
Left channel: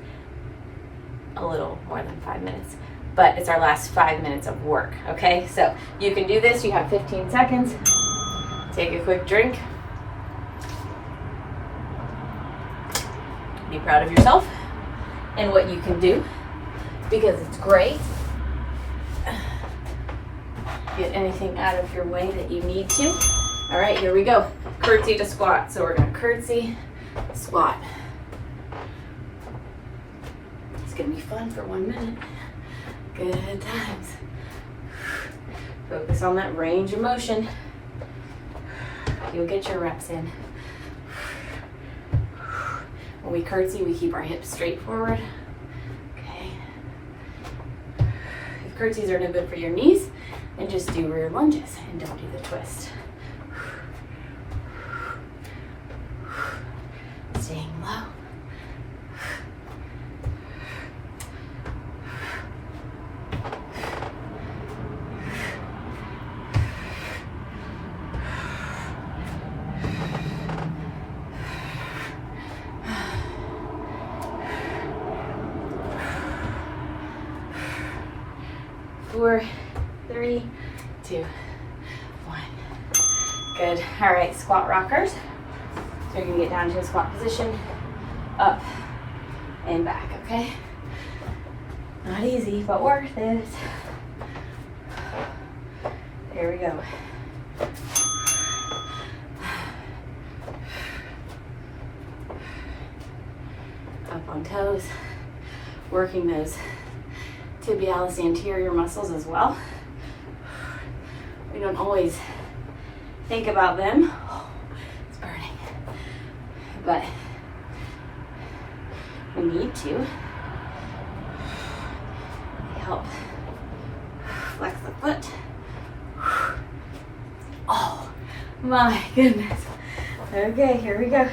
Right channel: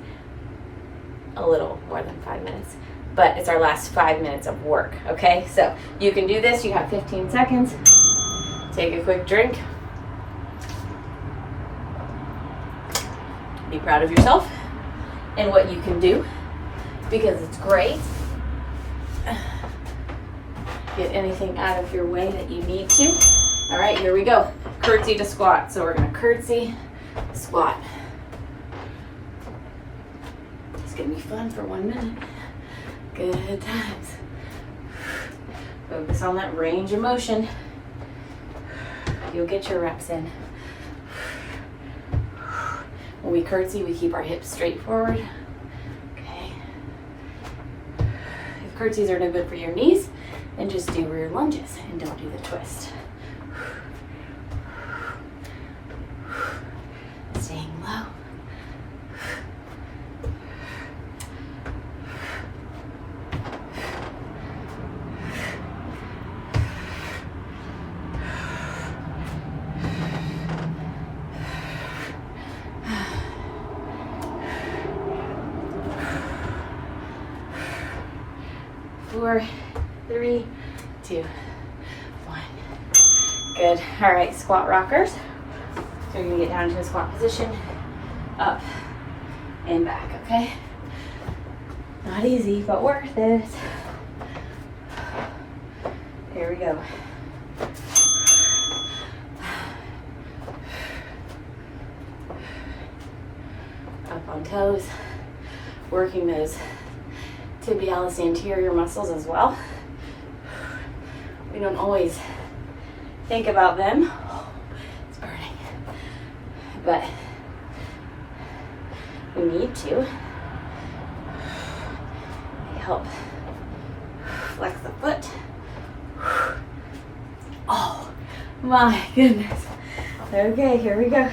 a little more than 5 minutes, but it's our last 5 minutes of work, okay? So you can do this, you have 15 seconds. Take a quick drink. Be proud of yourself and what you can do, because it's great. Get anything out of your way that you need to. All right, here we go. Curtsy to squat. So we're gonna curtsy, squat. It's gonna be fun for 1 minute. Good times. Focus on that range of motion. You'll get your reps in. When we curtsy, we keep our hips straight forward. Okay. If curtsies are no good for your knees, then just do rear lunges and don't do the twist. 4, 3, 2, 1. Good. All right, squat rockers. So you're gonna get down to a squat position, up and back, okay? Not easy, but worth it. Here we go. Up on toes, working those tibialis anterior muscles as well. We don't always think about them. Oh, it's burning. But we need to. They help flex the foot. Oh my goodness. Okay, here we go.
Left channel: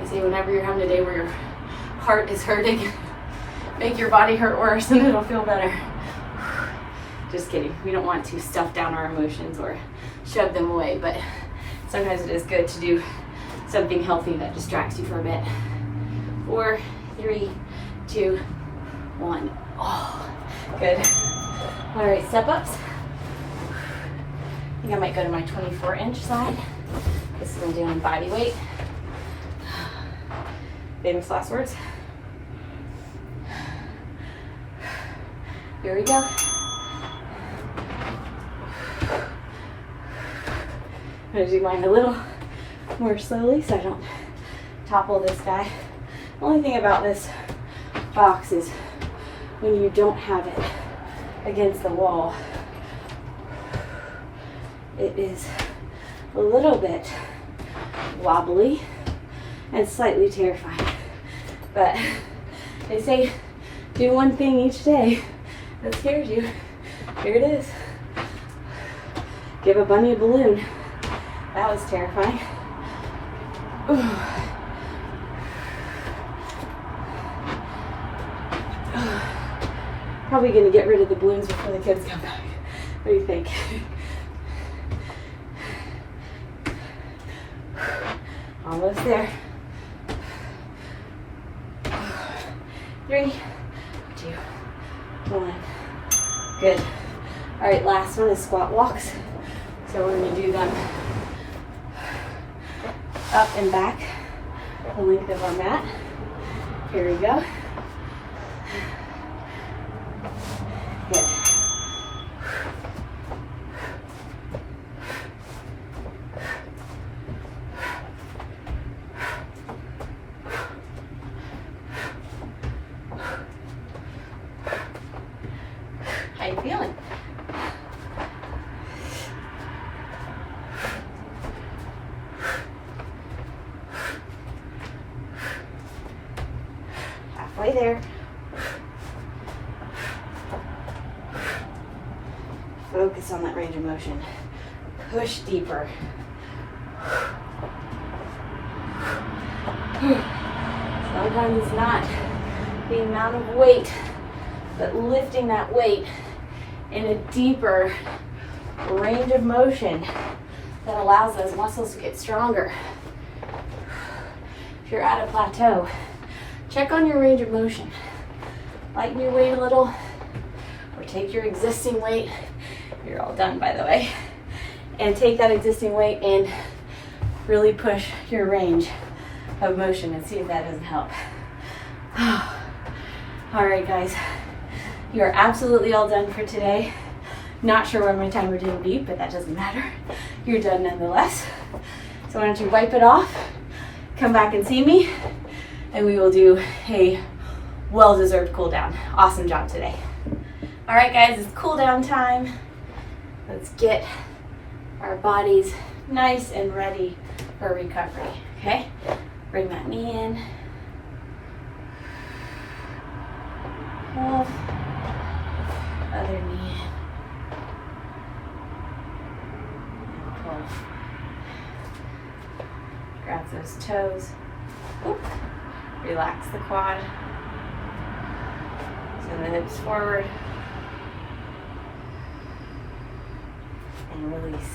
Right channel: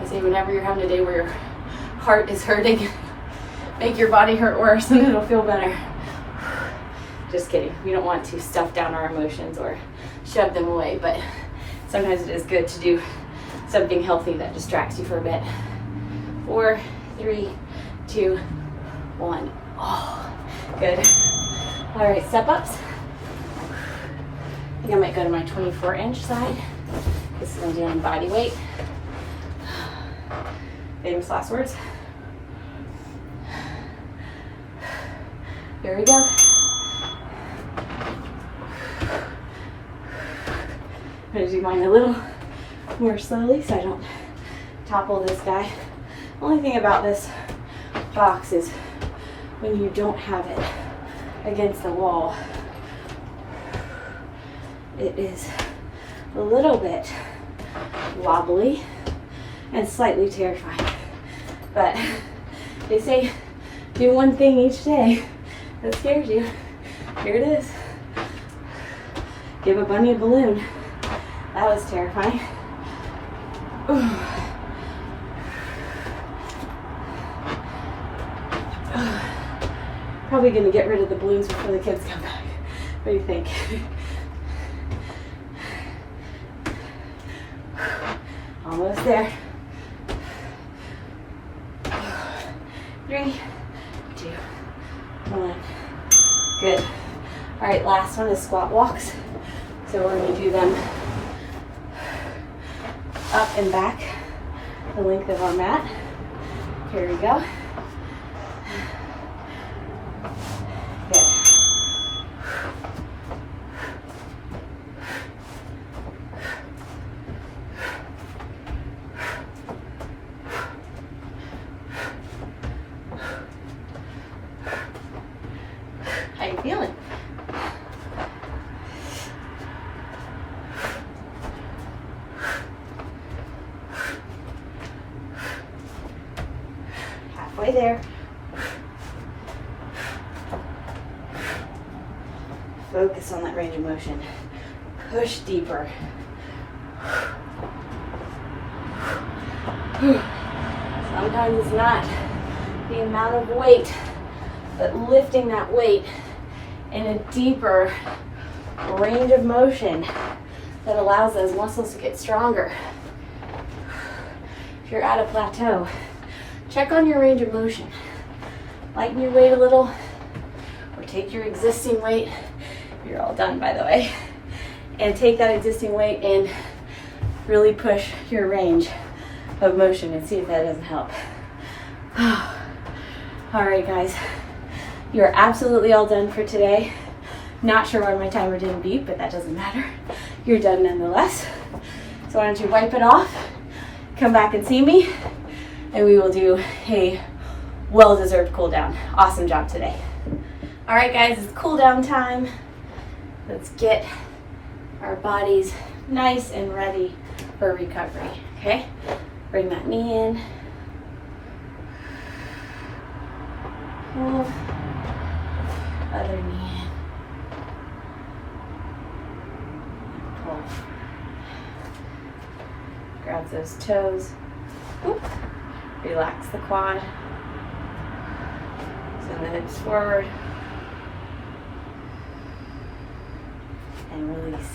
I say whenever you're having a day where your heart is hurting, make your body hurt worse and it'll feel better. Just kidding. We don't want to stuff down our emotions or shove them away, but sometimes it is good to do something healthy that distracts you for a bit. 4, 3, 2, 1. Oh, good. All right, step ups. I think I might go to my 24-inch side. This is my doing body weight. Famous last words. Here we go. I'm gonna do mine a little more slowly so I don't topple this guy. The only thing about this box is when you don't have it against the wall, it is a little bit wobbly and slightly terrifying. But they say do one thing each day that scares you. Here it is. Give a bunny a balloon. That was terrifying. Ooh. Probably gonna get rid of the balloons before the kids come back. What do you think? Almost there. 3, 2, 1. Good. All right, last one is squat walks. So we're going to do them up and back the length of our mat. Here we go. Good. How you feeling? Halfway there. Focus on that range of motion. Push deeper. Sometimes it's not the amount of weight, but lifting that weight in a deeper range of motion that allows those muscles to get stronger. If you're at a plateau, check on your range of motion. Lighten your weight a little, or take your existing weight. You're all done, by the way. And take that existing weight and really push your range of motion and see if that doesn't help. All right, guys. You are absolutely all done for today. Not sure why my timer didn't beep, but that doesn't matter. You're done nonetheless. So why don't you wipe it off, come back and see me, and we will do a well-deserved cool down. Awesome job today. All right, guys, it's cool down time. Let's get our bodies nice and ready for recovery, okay? Bring that knee in. Pull. Other knee in. Pull. Grab those toes. Oop. Relax the quad. Send the hips forward. And release.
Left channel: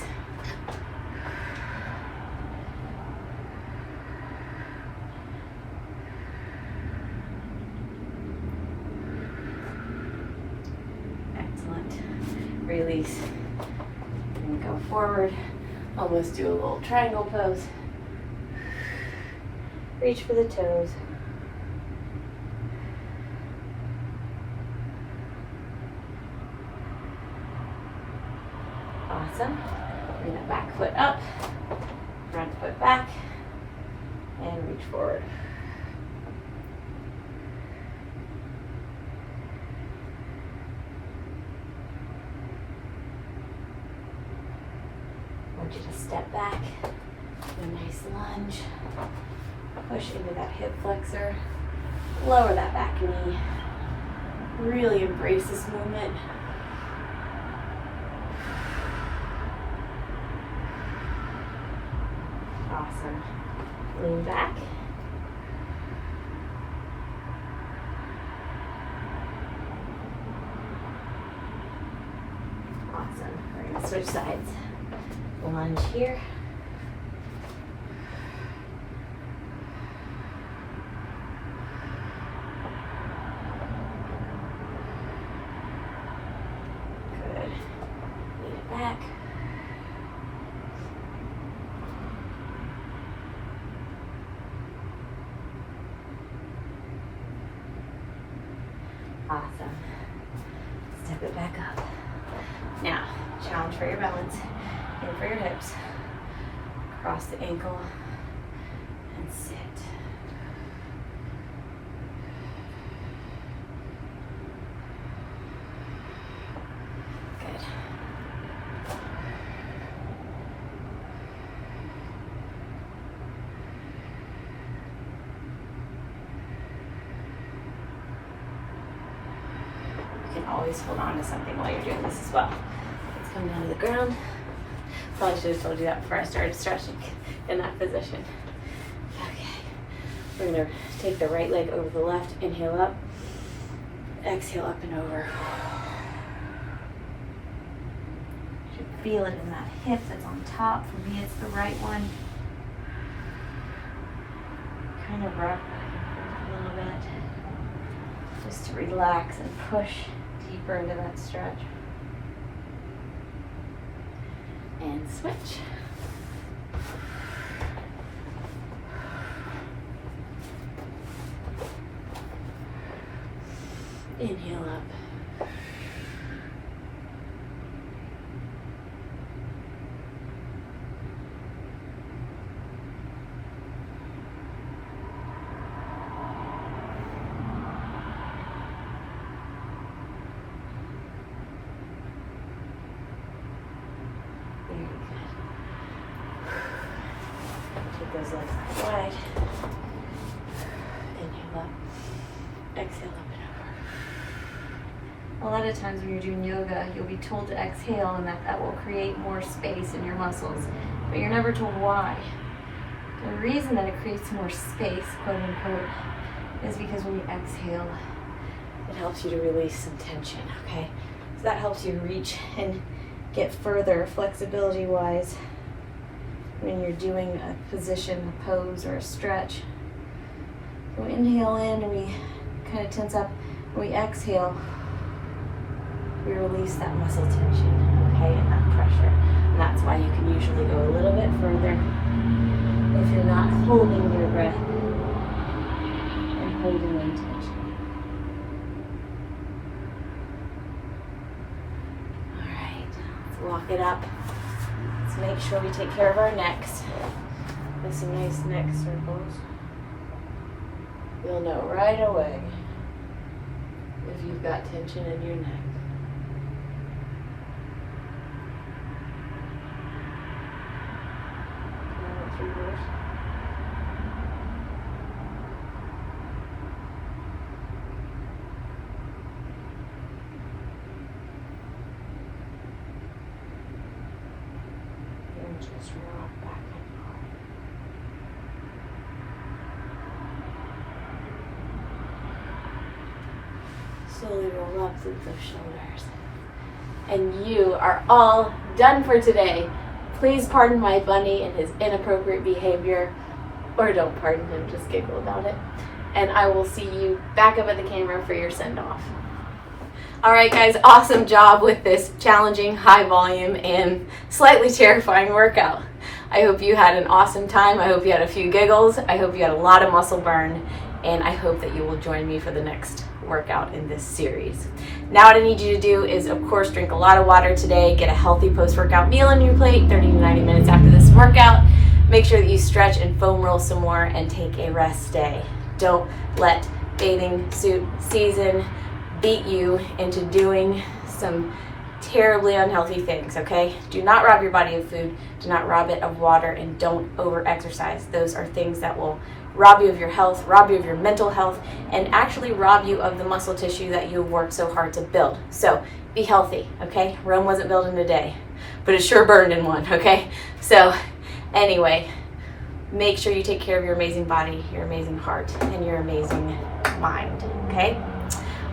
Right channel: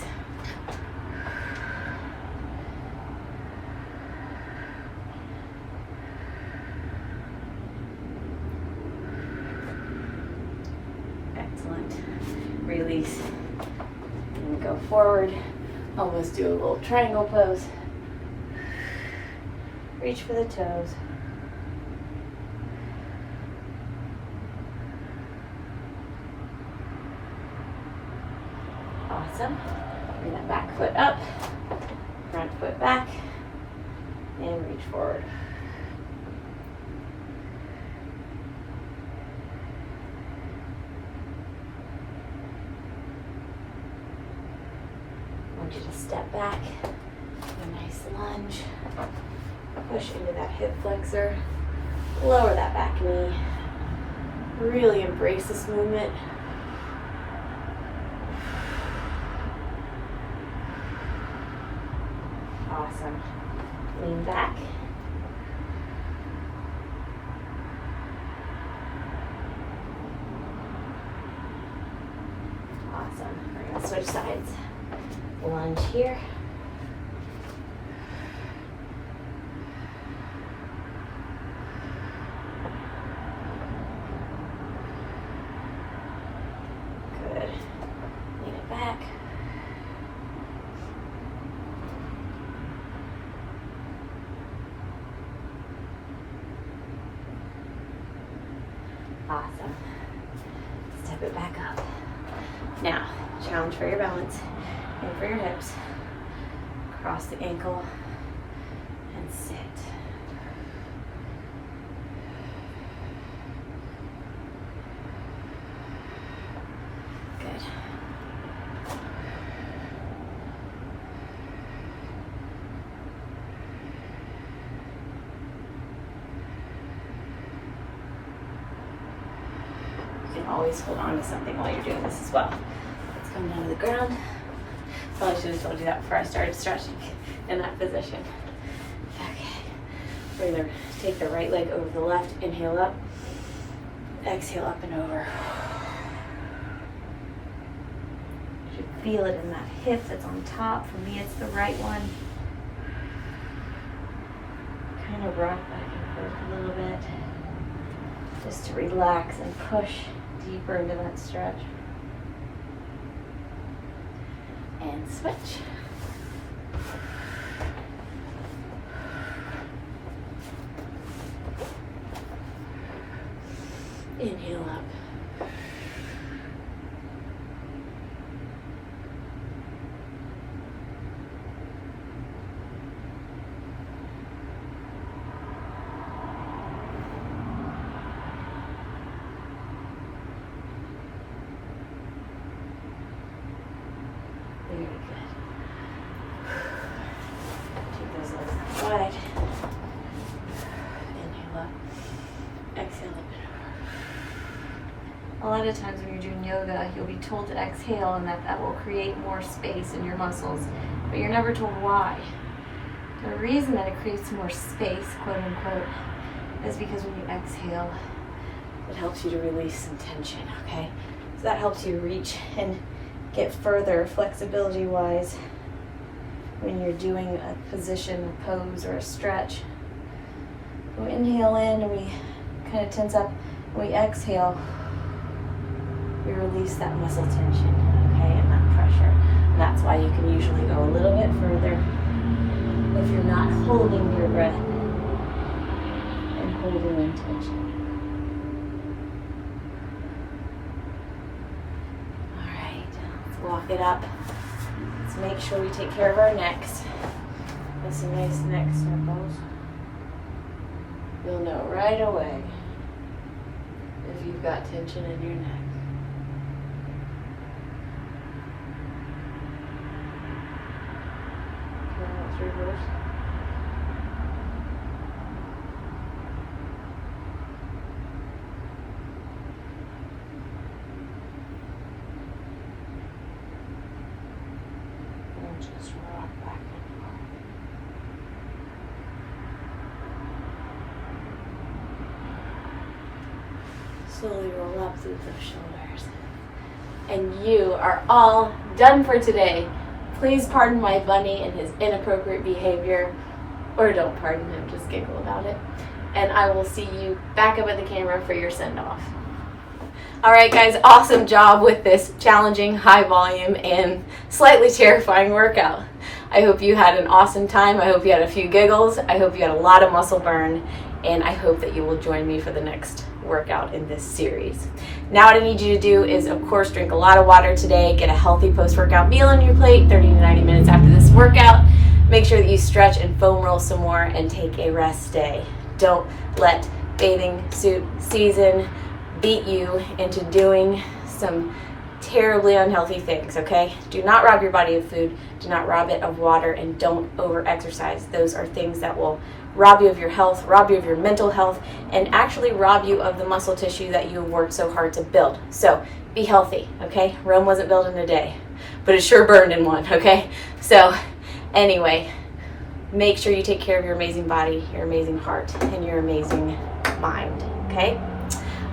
release. And go forward. Almost do a little triangle pose. Reach for the toes. Awesome. Bring that back foot up, front foot back, and reach forward. I want you to step back, do a nice lunge, push into that hip flexor, lower that back knee, really embrace this movement. Awesome. Lean back. Awesome. We're going to switch sides. Lunge here. Good. Lean it back. Awesome. Step it back up. Now, challenge for your balance. In for your hips. Cross the ankle and sit. Good. You can always hold on to something while you're doing this as well. Let's come down to the ground. Probably should have told you that before I started stretching in that position. Okay. We're going to take the right leg over the left. Inhale up. Exhale up and over. You should feel it in that hip that's on top. For me, it's the right one. Kind of rock back and forth a little bit. Just to relax and push deeper into that stretch. And switch. Inhale up. Very good. Take those legs out wide. Inhale up. Exhale up and over. A lot of times when you're doing yoga, you'll be told to exhale and that will create more space in your muscles, but you're never told why. The reason that it creates more space, quote unquote, is because when you exhale, it helps you to release some tension, okay? So that helps you reach and get further flexibility-wise when you're doing a position, a pose, or a stretch. When we inhale in, we kind of tense up. When we exhale, we release that muscle tension, okay, and that pressure. And that's why you can usually go a little bit further if you're not holding your breath and holding your tension. All right, let's walk it up. Let's make sure we take care of our necks with some nice neck circles. You'll know right away if you've got tension in your neck. Let's reverse. And just rock back and forth. Slowly roll up through those shoulders. And you are all done for today. Please pardon my bunny and his inappropriate behavior, or don't pardon him, just giggle about it. And I will see you back up at the camera for your send-off. All right, guys, awesome job with this challenging, high volume, and slightly terrifying workout. I hope you had an awesome time. I hope you had a few giggles. I hope you had a lot of muscle burn, and I hope that you will join me for the next workout in this series. Now what I need you to do is, of course, drink a lot of water today, get a healthy post-workout meal on your plate 30 to 90 minutes after this workout. Make sure that you stretch and foam roll some more and take a rest day. Don't let bathing suit season beat you into doing some terribly unhealthy things, okay? Do not rob your body of food, do not rob it of water, and don't over-exercise. Those are things that will rob you of your health, rob you of your mental health, and actually rob you of the muscle tissue that you have worked so hard to build. So be healthy, okay? Rome wasn't built in a day, but it sure burned in one, okay? So anyway, make sure you take care of your amazing body, your amazing heart, and your amazing mind, okay?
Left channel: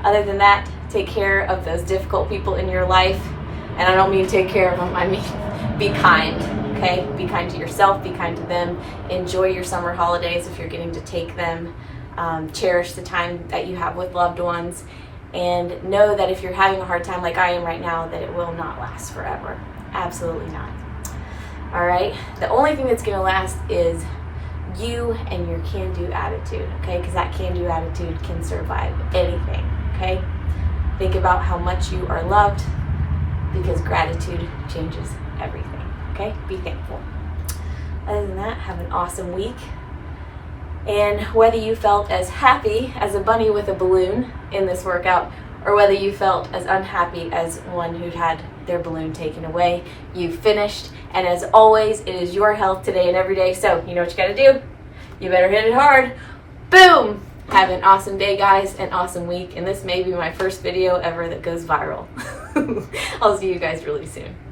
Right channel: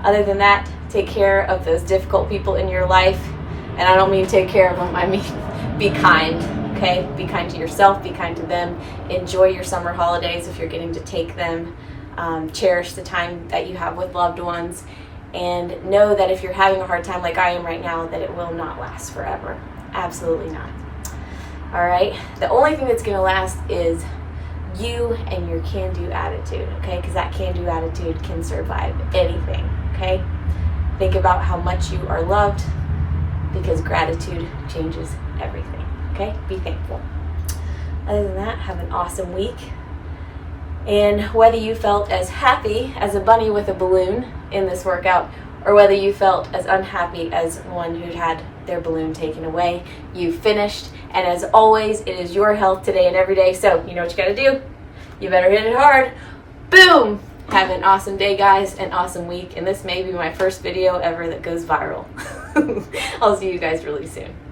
Other than that, take care of those difficult people in your life. And I don't mean take care of them, I mean be kind, okay? Be kind to yourself, be kind to them. Enjoy your summer holidays if you're getting to take them. Cherish the time that you have with loved ones. And know that if you're having a hard time like I am right now, that it will not last forever. Absolutely not. All right? The only thing that's going to last is you and your can-do attitude, okay? Because that can-do attitude can survive anything, okay? Think about how much you are loved, because gratitude changes everything, okay? Be thankful. Other than that, have an awesome week. And whether you felt as happy as a bunny with a balloon in this workout, or whether you felt as unhappy as one who'd had their balloon taken away, you finished. And as always, it is your health today and every day. So you know what you gotta do. You better hit it hard. Boom! Have an awesome day, guys, an awesome week. And this may be my first video ever that goes viral. I'll see you guys really soon.